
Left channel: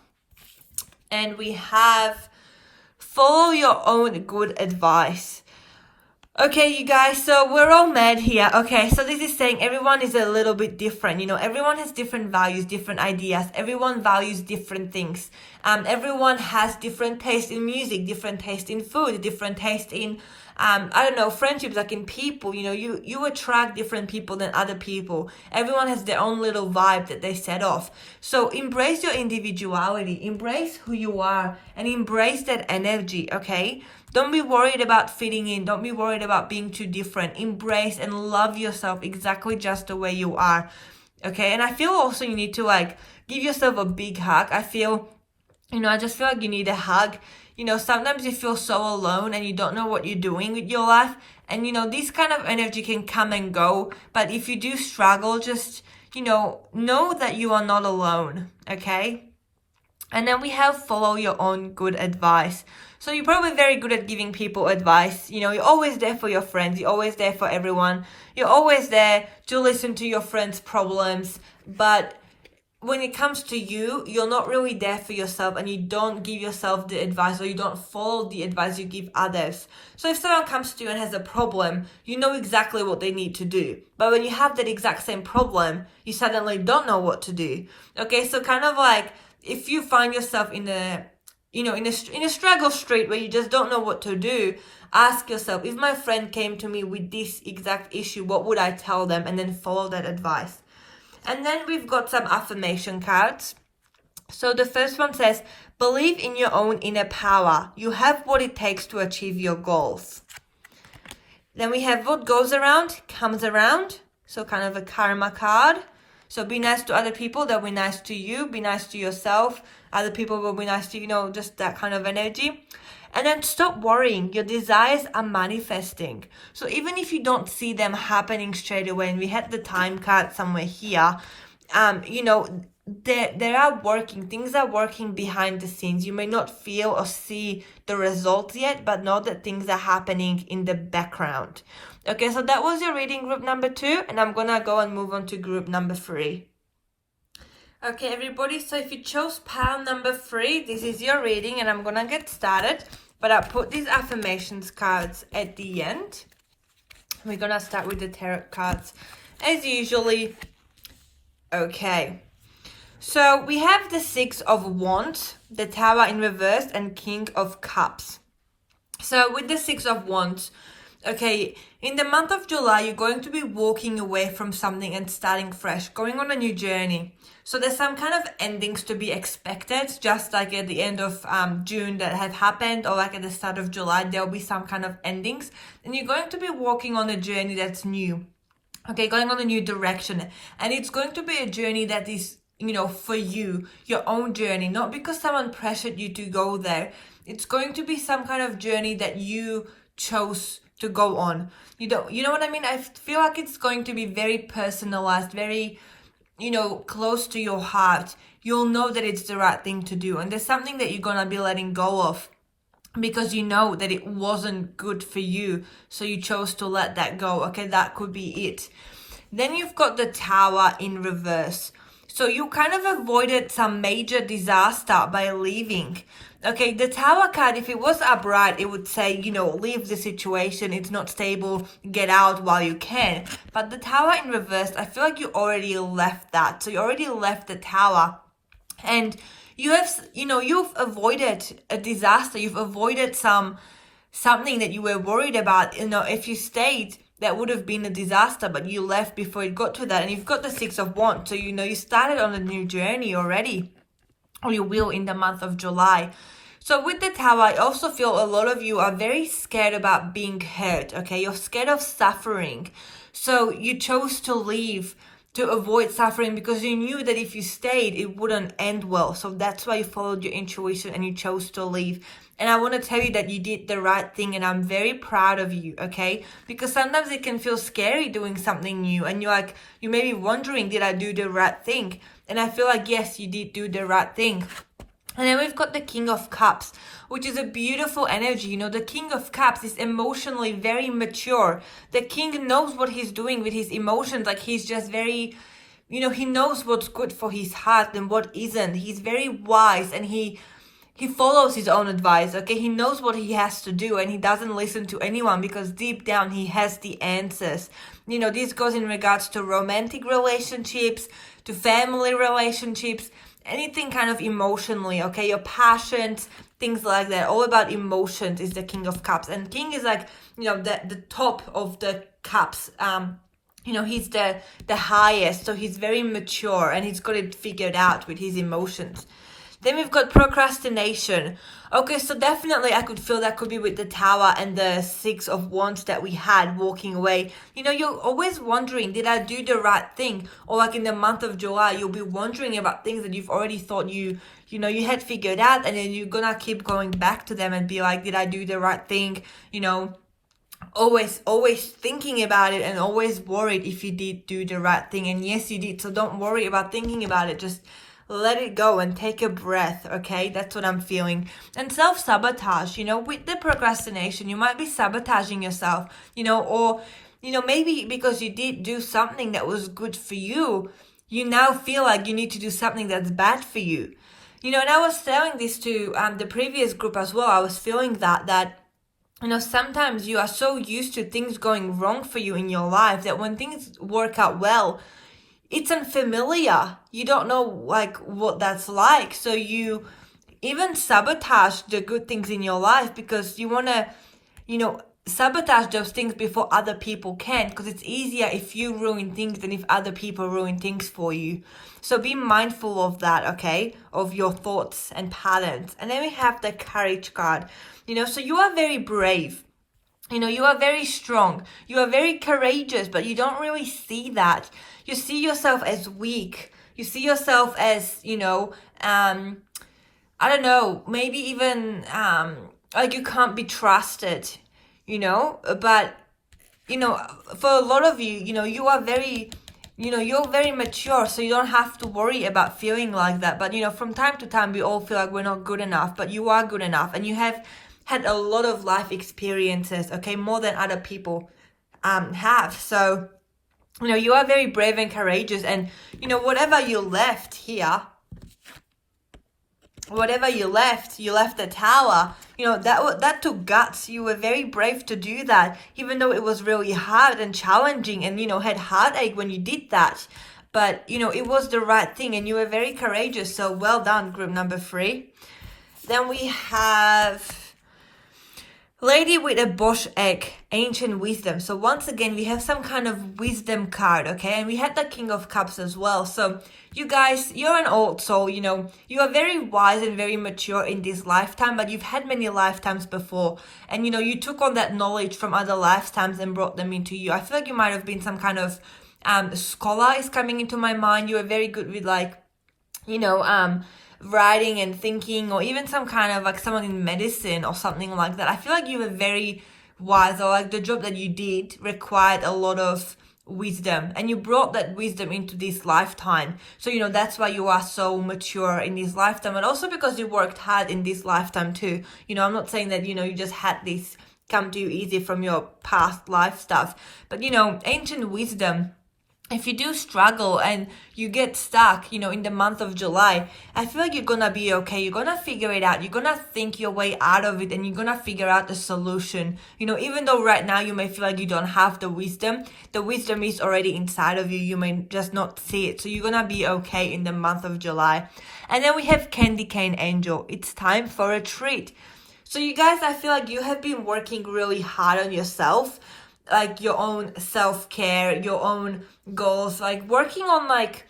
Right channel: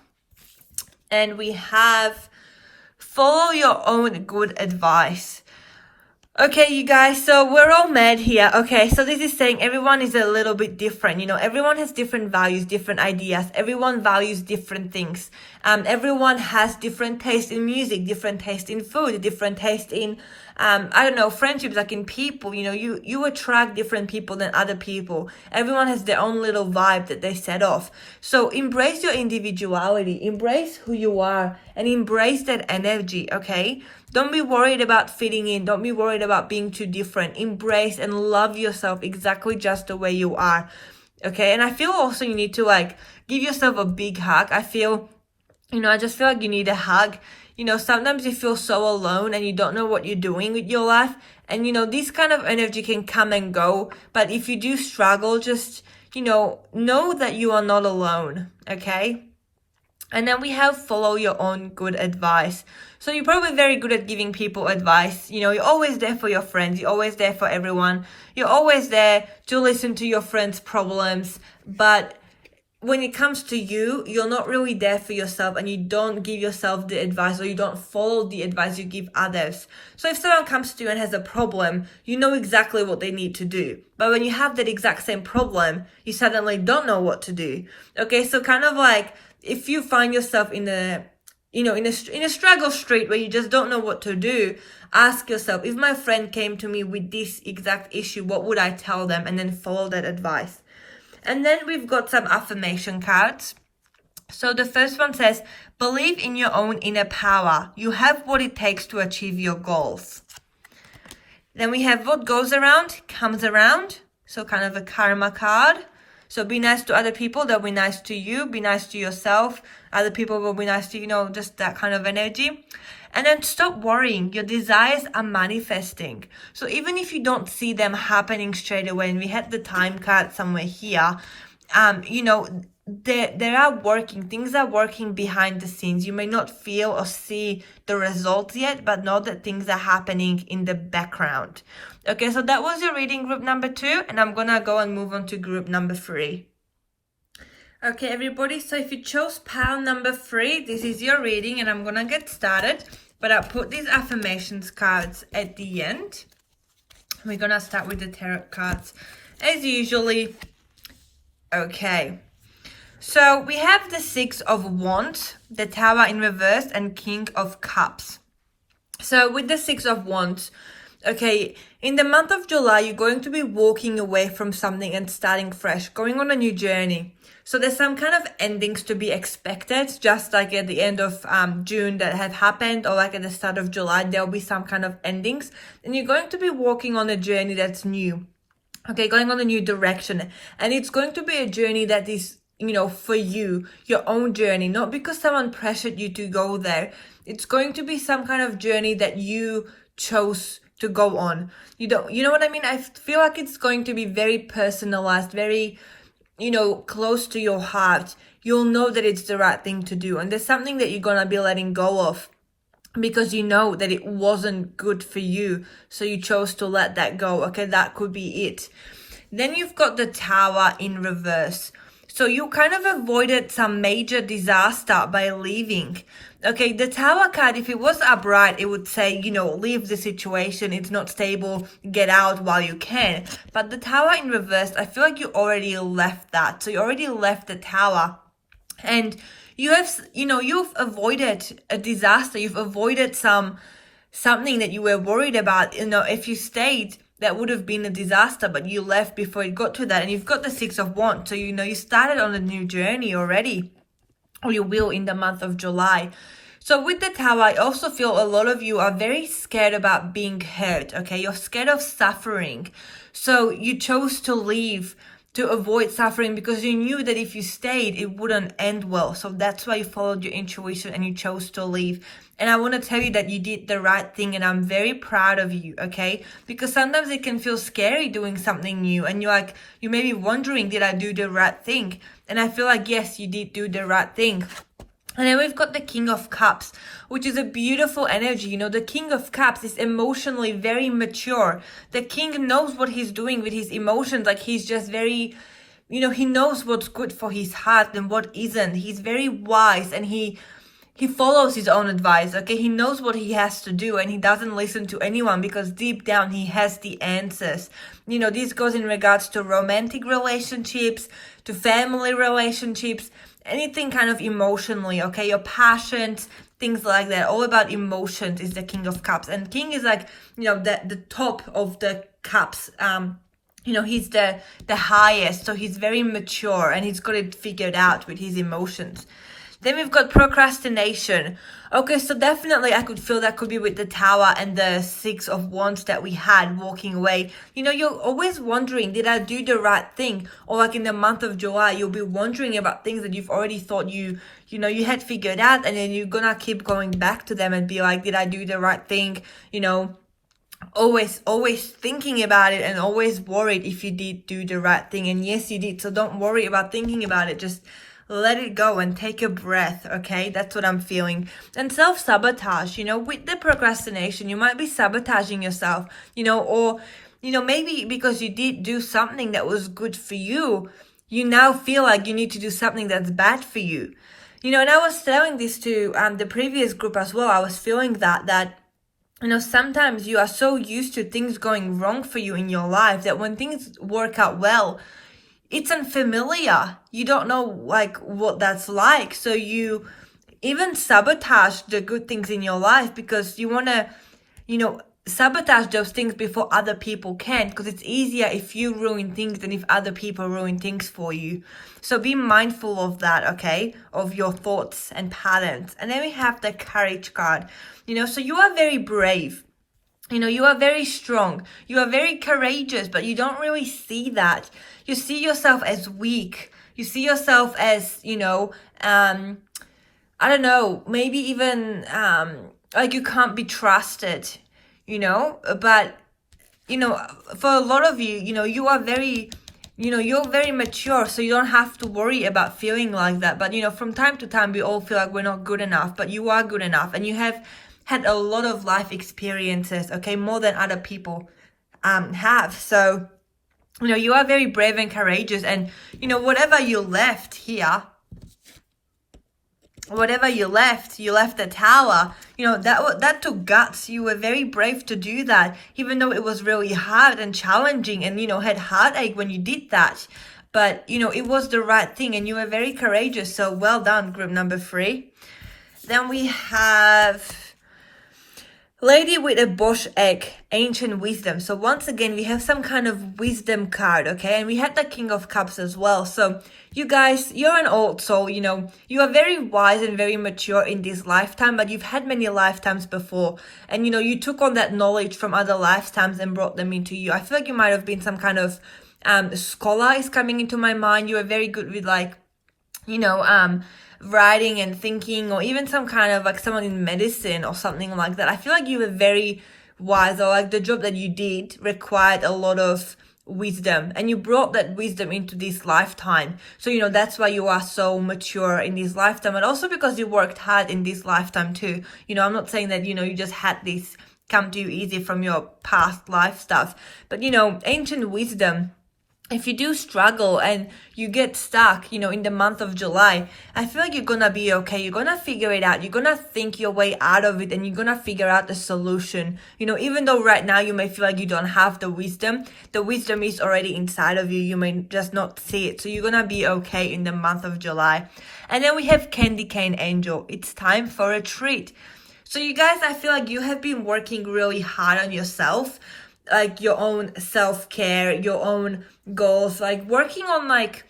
And we have follow your own good advice. Okay, you guys, so we're all mad here. Okay, so this is saying everyone is a little bit different. You know, everyone has different values, different ideas. Everyone values different things. Everyone has different taste in music, different taste in food, different taste in, I don't know, friendships, like in people. You know, you attract different people than other people. Everyone has their own little vibe that they set off. So embrace your individuality, embrace who you are, and embrace that energy, okay? Don't be worried about fitting in. Don't be worried about being too different. Embrace and love yourself exactly just the way you are. Okay. And I feel also you need to like give yourself a big hug. I feel, I just feel like you need a hug. Sometimes you feel so alone and you don't know what you're doing with your life. And, this kind of energy can come and go. But if you do struggle, just, know that you are not alone. Okay. And then we have follow your own good advice. So you're probably very good at giving people advice. You're always there for your friends. You're always there for everyone. You're always there to listen to your friends' problems. But when it comes to you, you're not really there for yourself and you don't give yourself the advice or you don't follow the advice you give others. So if someone comes to you and has a problem, you know exactly what they need to do. But when you have that exact same problem, you suddenly don't know what to do. Okay, so kind of like if you find yourself in a struggle street where you just don't know what to do, ask yourself, if my friend came to me with this exact issue, what would I tell them? And then follow that advice. And then we've got some affirmation cards. So the first one says, believe in your own inner power. You have what it takes to achieve your goals. Then we have what goes around comes around. So kind of a karma card. So be nice to other people, they'll be nice to you. Be nice to yourself. Other people will be nice to you, just that kind of energy. And then stop worrying. Your desires are manifesting. So even if you don't see them happening straight away, and we had the time card somewhere here, they are working. Things are working behind the scenes. You may not feel or see the results yet, but know that things are happening in the background. Okay, so that was your reading group number 2, and I'm gonna go and move on to group number 3. Okay, everybody, so if you chose pile number 3, this is your reading, and I'm gonna get started, but I'll put these affirmations cards at the end. We're gonna start with the tarot cards as usually. Okay, so we have the 6 of Wands, the Tower in reverse, and King of Cups. So with the 6 of Wands, okay, in the month of July, you're going to be walking away from something and starting fresh, going on a new journey. So there's some kind of endings to be expected, just like at the end of June that had happened, or like at the start of July, there'll be some kind of endings. And you're going to be walking on a journey that's new, okay, going on a new direction. And it's going to be a journey that is, for you, your own journey, not because someone pressured you to go there. It's going to be some kind of journey that you chose to go on. You know what I mean? I feel like it's going to be very personalized, very, close to your heart. You'll know that it's the right thing to do. And there's something that you're going to be letting go of because you know that it wasn't good for you. So you chose to let that go. Okay, that could be it. Then you've got the Tower in reverse. So you kind of avoided some major disaster by leaving. Okay, the Tower card, if it was upright, it would say, leave the situation. It's not stable. Get out while you can. But the Tower in reverse, I feel like you already left that. So you already left the Tower. And you have, you've avoided a disaster. You've avoided something that you were worried about. If you stayed, that would have been a disaster, but you left before you got to that. And you've got the 6 of Wands. So, you started on a new journey already. Or you will in the month of July. So with the Tower, I also feel a lot of you are very scared about being hurt, okay? You're scared of suffering. So you chose to leave to avoid suffering because you knew that if you stayed, it wouldn't end well. So that's why you followed your intuition and you chose to leave. And I want to tell you that you did the right thing and I'm very proud of you, okay? Because sometimes it can feel scary doing something new and you may be wondering, did I do the right thing? And I feel like, yes, you did do the right thing. And then we've got the King of Cups, which is a beautiful energy. The King of Cups is emotionally very mature. The King knows what he's doing with his emotions. Like, he's just very, he knows what's good for his heart and what isn't. He's very wise, and he follows his own advice, okay? He knows what he has to do, and he doesn't listen to anyone because deep down he has the answers. This goes in regards to romantic relationships, to family relationships, anything kind of emotionally, okay? Your passions, things like that. All about emotions is the King of Cups. And King is like, the top of the cups. He's the highest, so he's very mature and he's got it figured out with his emotions. Then we've got procrastination. Okay, so definitely I could feel that could be with the Tower and the Six of Wands that we had walking away. You're always wondering, did I do the right thing? Or like in the month of July, you'll be wondering about things that you've already thought you had figured out, and then you're gonna keep going back to them and be like, did I do the right thing? Always thinking about it and always worried if you did do the right thing. And yes, you did. So don't worry about thinking about it. Just let it go and take a breath, okay? That's what I'm feeling. And self-sabotage, with the procrastination, you might be sabotaging yourself, or, maybe because you did do something that was good for you, you now feel like you need to do something that's bad for you. And I was telling this to the previous group as well. I was feeling that sometimes you are so used to things going wrong for you in your life that when things work out well, it's unfamiliar. You don't know like what that's like. So you even sabotage the good things in your life because you want to, sabotage those things before other people can, because it's easier if you ruin things than if other people ruin things for you. So be mindful of that, okay? Of your thoughts and patterns. And then we have the Courage card. So you are very brave. You are very strong. You are very courageous, but you don't really see that. You see yourself as weak. You see yourself as, I don't know, maybe even like you can't be trusted, but, for a lot of you, you are very, you're very mature, so you don't have to worry about feeling like that. But, from time to time, we all feel like we're not good enough, but you are good enough, and you have had a lot of life experiences, okay, more than other people have. So, you are very brave and courageous, and, whatever you left here, you left the Tower, that took guts. You were very brave to do that, even though it was really hard and challenging and, had heartache when you did that. But, it was the right thing, and you were very courageous. So well done, group number 3. Then we have Lady with a Bosch egg, ancient wisdom. So once again, we have some kind of wisdom card, okay? And we had the King of Cups as well. So you guys, you're an old soul, you are very wise and very mature in this lifetime, but you've had many lifetimes before. And, you took on that knowledge from other lifetimes and brought them into you. I feel like you might have been some kind of scholar is coming into my mind. You are very good with like, writing and thinking, or even some kind of like someone in medicine or something like that. I feel like you were very wise, or like the job that you did required a lot of wisdom, and you brought that wisdom into this lifetime. So, that's why you are so mature in this lifetime, and also because you worked hard in this lifetime too. I'm not saying that, you just had this come to you easy from your past life stuff, but, ancient wisdom. If you do struggle and you get stuck, in the month of July, I feel like you're going to be okay. You're going to figure it out. You're going to think your way out of it, and you're going to figure out the solution. Even though right now you may feel like you don't have the wisdom is already inside of you. You may just not see it. So you're going to be okay in the month of July. And then we have Candy Cane Angel. It's time for a treat. So you guys, I feel like you have been working really hard on yourself, like your own self-care, your own goals, like working on like,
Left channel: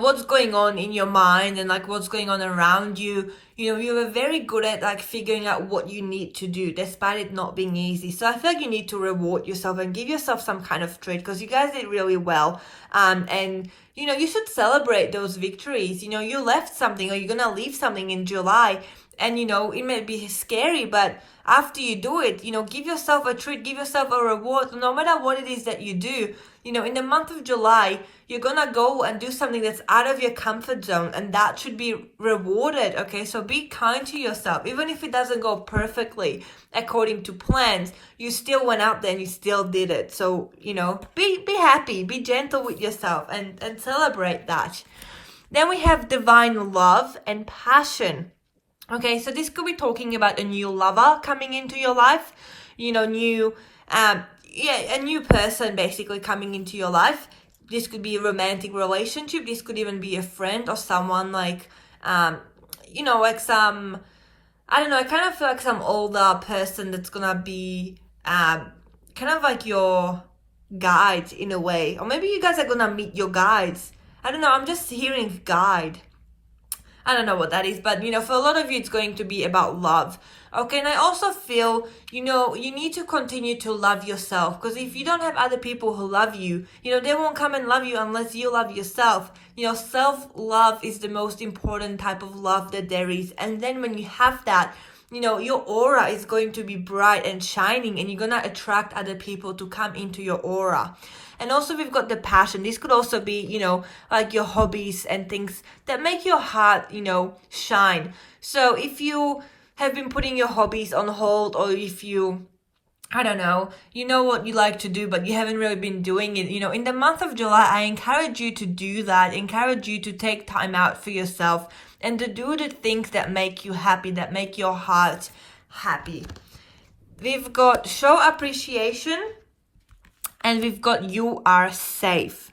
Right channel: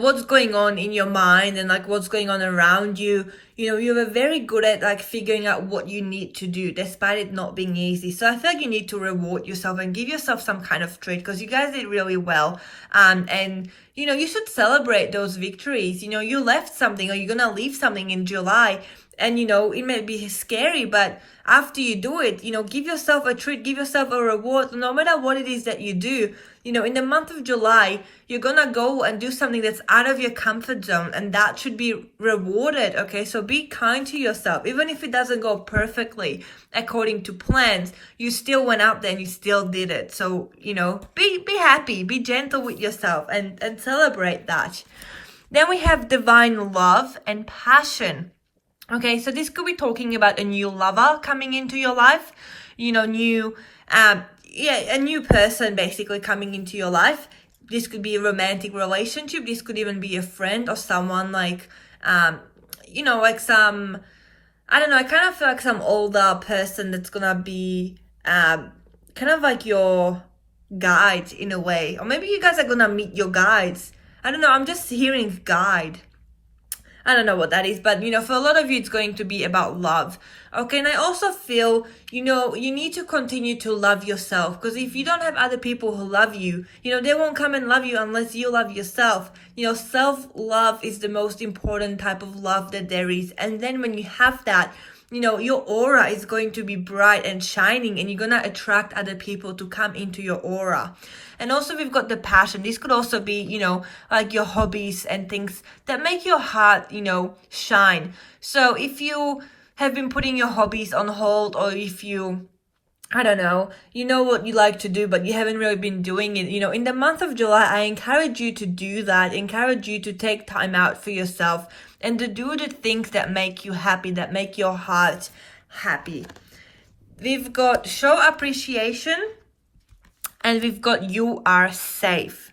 what's going on in your mind and like what's going on around you. You were very good at like figuring out what you need to do despite it not being easy. So I feel like you need to reward yourself and give yourself some kind of treat, because you guys did really well. And you should celebrate those victories. You left something, or you're gonna leave something in July, and it may be scary, but after you do it, give yourself a treat, give yourself a reward. No matter what it is that you do, You know, in the month of July, you're gonna go and do something that's out of your comfort zone, and that should be rewarded, okay? So be kind to yourself. Even if it doesn't go perfectly according to plans, you still went out there and you still did it. So, you know, be happy, be gentle with yourself, and celebrate that. Then we have divine love and passion. Okay, so this could be talking about a new lover coming into your life, you know, a new person basically coming into your life. This could be a romantic relationship. This could even be a friend or someone like, you know, like some, I don't know, I kind of feel like some older person that's gonna be kind of like your guide in a way. Or maybe you guys are gonna meet your guides. I don't know, I'm just hearing guide. I don't know what that is, but you know, for a lot of you, it's going to be about love. Okay, and I also feel, you know, you need to continue to love yourself, because if you don't have other people who love you, you know, they won't come and love you unless you love yourself. You know, self-love is the most important type of love that there is. And then when you have that, you know, your aura is going to be bright and shining, and you're going to attract other people to come into your aura. And also we've got the passion. This could also be, you know, like your hobbies and things that make your heart, you know, shine. So if you have been putting your hobbies on hold, or if you, I don't know, you know what you like to do, but you haven't really been doing it, you know, in the month of July, I encourage you to do that, encourage you to take time out for yourself and to do the things that make you happy, that make your heart happy. We've got show appreciation, and we've got you are safe.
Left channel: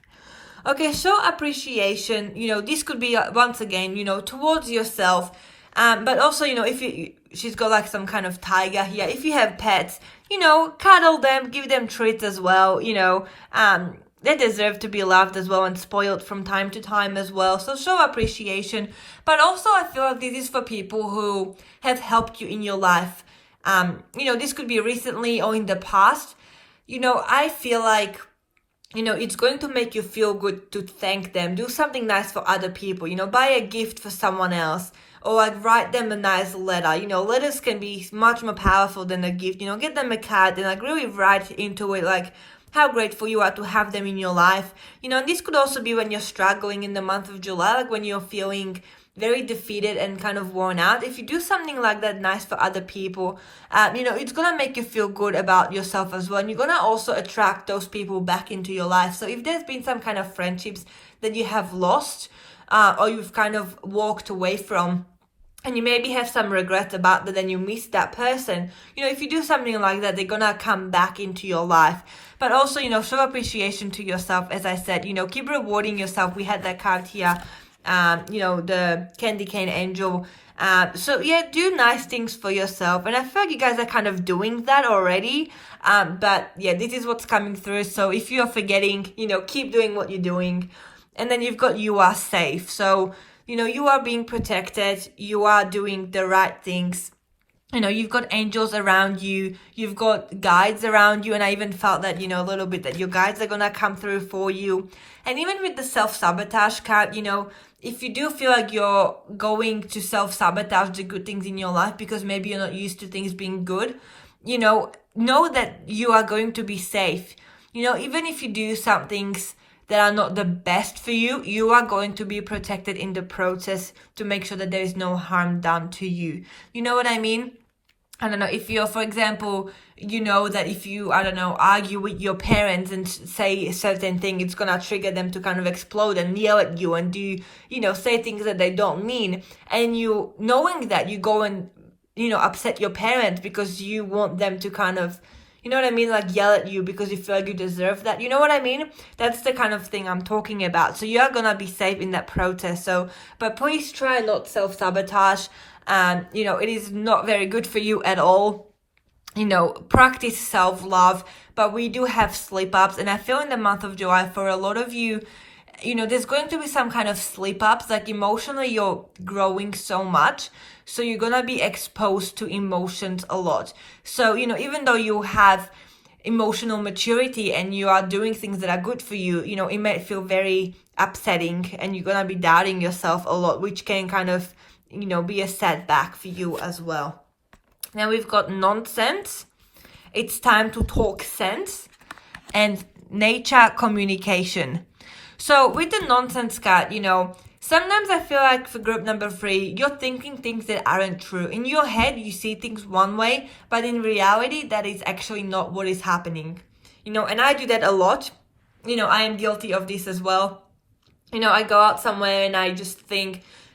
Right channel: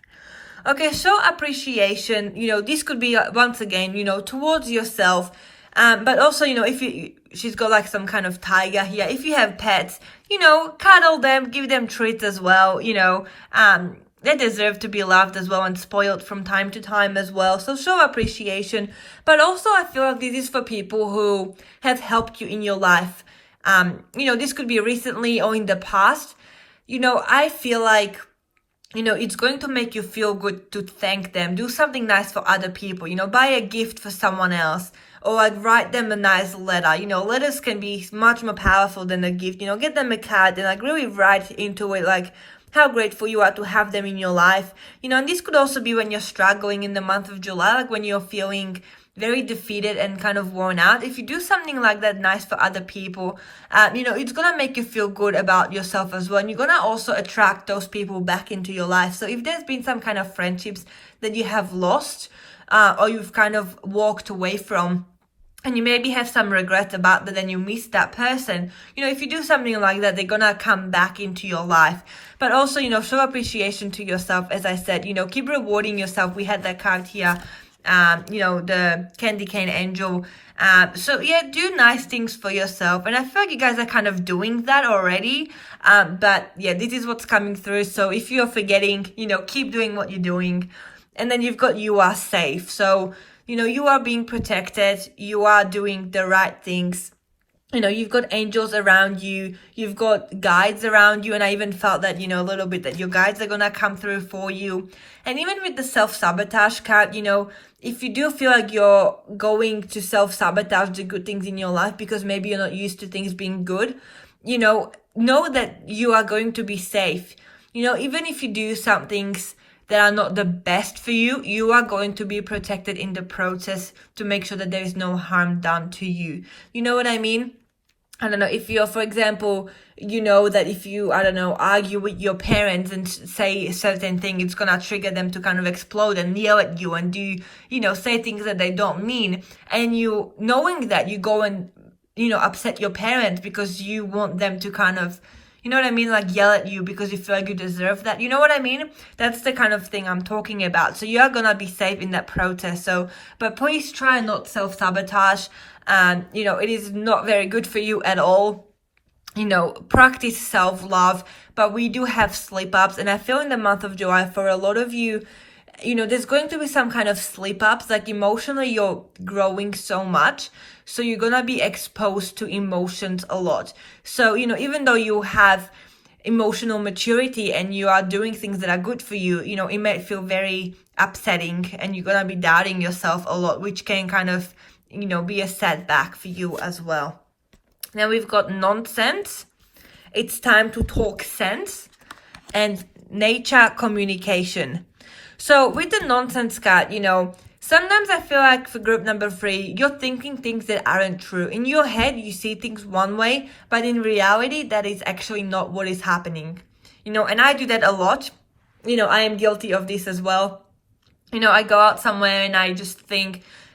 Okay, show appreciation, you know, this could be once again, you know, towards yourself, but also, you know, if she's got like some kind of tiger here. If you have pets, you know, cuddle them, give them treats as well, you know, they deserve to be loved as well and spoiled from time to time as well. So show appreciation. But also I feel like this is for people who have helped you in your life. You know, this could be recently or in the past. You know, I feel like, you know, it's going to make you feel good to thank them. Do something nice for other people, you know, buy a gift for someone else, or like write them a nice letter. You know, letters can be much more powerful than a gift. You know, get them a card and like really write into it like how grateful you are to have them in your life. You know, and this could also be when you're struggling in the month of July, like when you're feeling very defeated and kind of worn out. If you do something like that nice for other people, you know, it's gonna make you feel good about yourself as well, and you're gonna also attract those people back into your life. So if there's been some kind of friendships that you have lost, or you've kind of walked away from, and you maybe have some regrets about that, then you miss that person, you know, if you do something like that, they're gonna come back into your life. But also, you know, show appreciation to yourself. As I said, you know, keep rewarding yourself. We had that card here, you know, the candy cane angel. So yeah, do nice things for yourself, and I feel like you guys are kind of doing that already, but yeah, this is what's coming through. So if you're forgetting, you know, keep doing what you're doing. And then you've got you are safe. So, you know, you are being protected, you are doing the right things. You know, you've got angels around you, you've got guides around you, and I even felt that, you know, a little bit that your guides are gonna come through for you. And even with the self-sabotage card, you know, if you do feel like you're going to self-sabotage the good things in your life because maybe you're not used to things being good, you know that you are going to be safe. You know, even if you do some things that are not the best for you, you are going to be protected in the process to make sure that there is no harm done to you. You know what I mean? I don't know, if you're, for example, you know that if you, I don't know, argue with your parents and say a certain thing, it's gonna trigger them to kind of explode and yell at you and do, you know, say things that they don't mean. And you, knowing that, you go and, you know, upset your parents because you want them to kind of, you know what I mean, like yell at you because you feel like you deserve that. You know what I mean? That's the kind of thing I'm talking about. So you're gonna be safe in that process. So, but please try not self-sabotage. You know, it is not very good for you at all. You know, practice self-love, but we do have slip-ups. And I feel in the month of July, for a lot of you, you know, there's going to be some kind of slip-ups, like emotionally you're growing so much. So you're gonna be exposed to emotions a lot. So, you know, even though you have emotional maturity and you are doing things that are good for you, you know, it might feel very upsetting and you're gonna be doubting yourself a lot, which can kind of, you know, be a setback for you as well. Now we've got nonsense. It's time to talk sense. And nature communication. So with the nonsense card, sometimes I feel like for group number 3, you're thinking things that aren't true. In your head, you see things one way, but in reality, that is actually not what is happening. And I do that a lot. I am guilty of this as well. I go out somewhere and I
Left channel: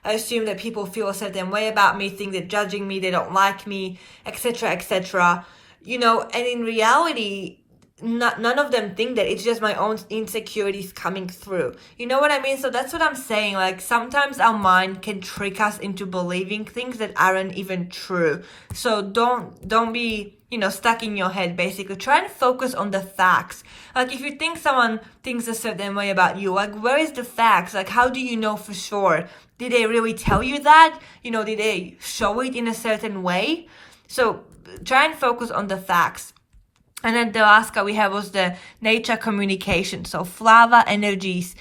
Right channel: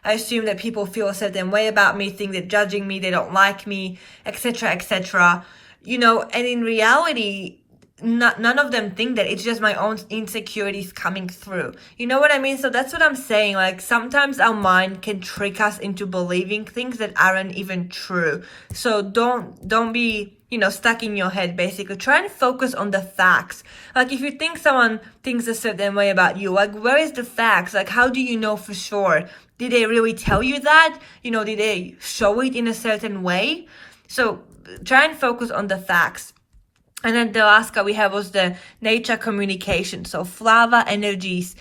assume that people feel a certain way about me, think they're judging me, they don't like me, etc., etc. And in reality, none of them think that. It's just my own insecurities coming through. You know what I mean? So that's what I'm saying. Like, sometimes our mind can trick us into believing things that aren't even true. So don't be, stuck in your head, basically. Try and focus on the facts. Like, if you think someone thinks a certain way about you, like, where is the facts? Like, how do you know for sure? Did they really tell you that? Did they show it in a certain way? So try and focus on the facts. And then the last card we have was the nature communication. So flower energies,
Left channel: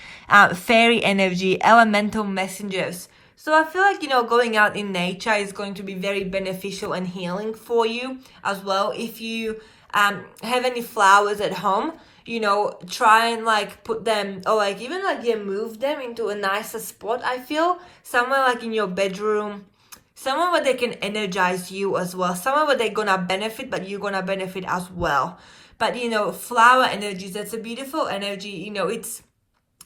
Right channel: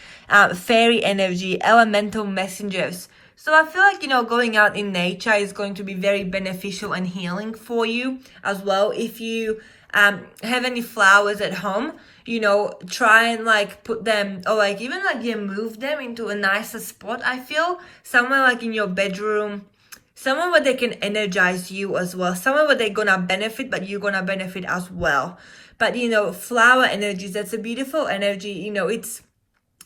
fairy energy, elemental messengers. So I feel like, going out in nature is going to be very beneficial and healing for you as well. If you have any flowers at home, try and put them, or even move them into a nicer spot. I feel somewhere like in your bedroom, somewhere where they can energize you as well, somewhere where they're gonna benefit, but you're gonna benefit as well. But flower energies, that's a beautiful energy.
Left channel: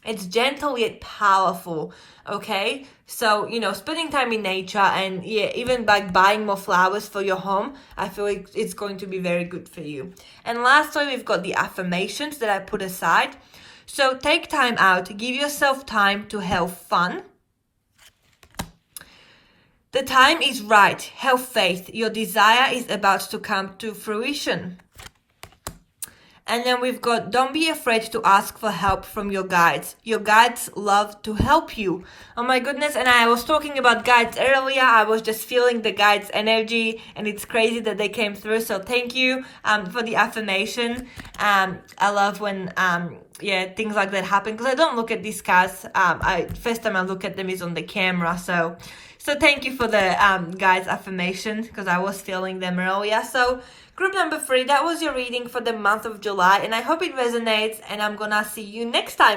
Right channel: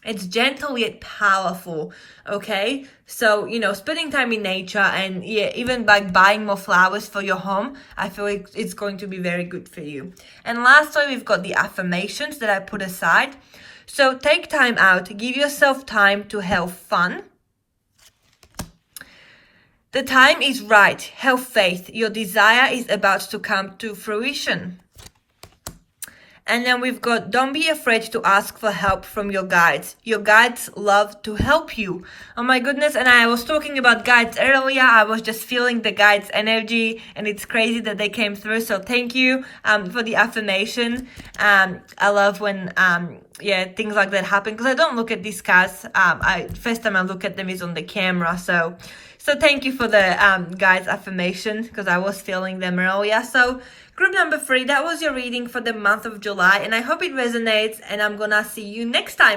It's gentle yet powerful. Okay, so spending time in nature, and even by buying more flowers for your home, I feel like it's going to be very good for you. And lastly, we've got the affirmations that I put aside. So take time out, give yourself time to have fun. The time is right. Have faith. Your desire is about to come to fruition. And then we've got, don't be afraid to ask for help from your guides. Your guides love to help you. Oh my goodness. And I was talking about guides earlier. I was just feeling the guides' energy, and it's crazy that they came through. So thank you for the affirmation. I love when things like that happen, because I don't look at these cards. First time I look at them is on the camera. So thank you for the guides' affirmation, because I was feeling them earlier. So group number 3, that was your reading for the month of July, and I hope it resonates, and I'm gonna see you next time.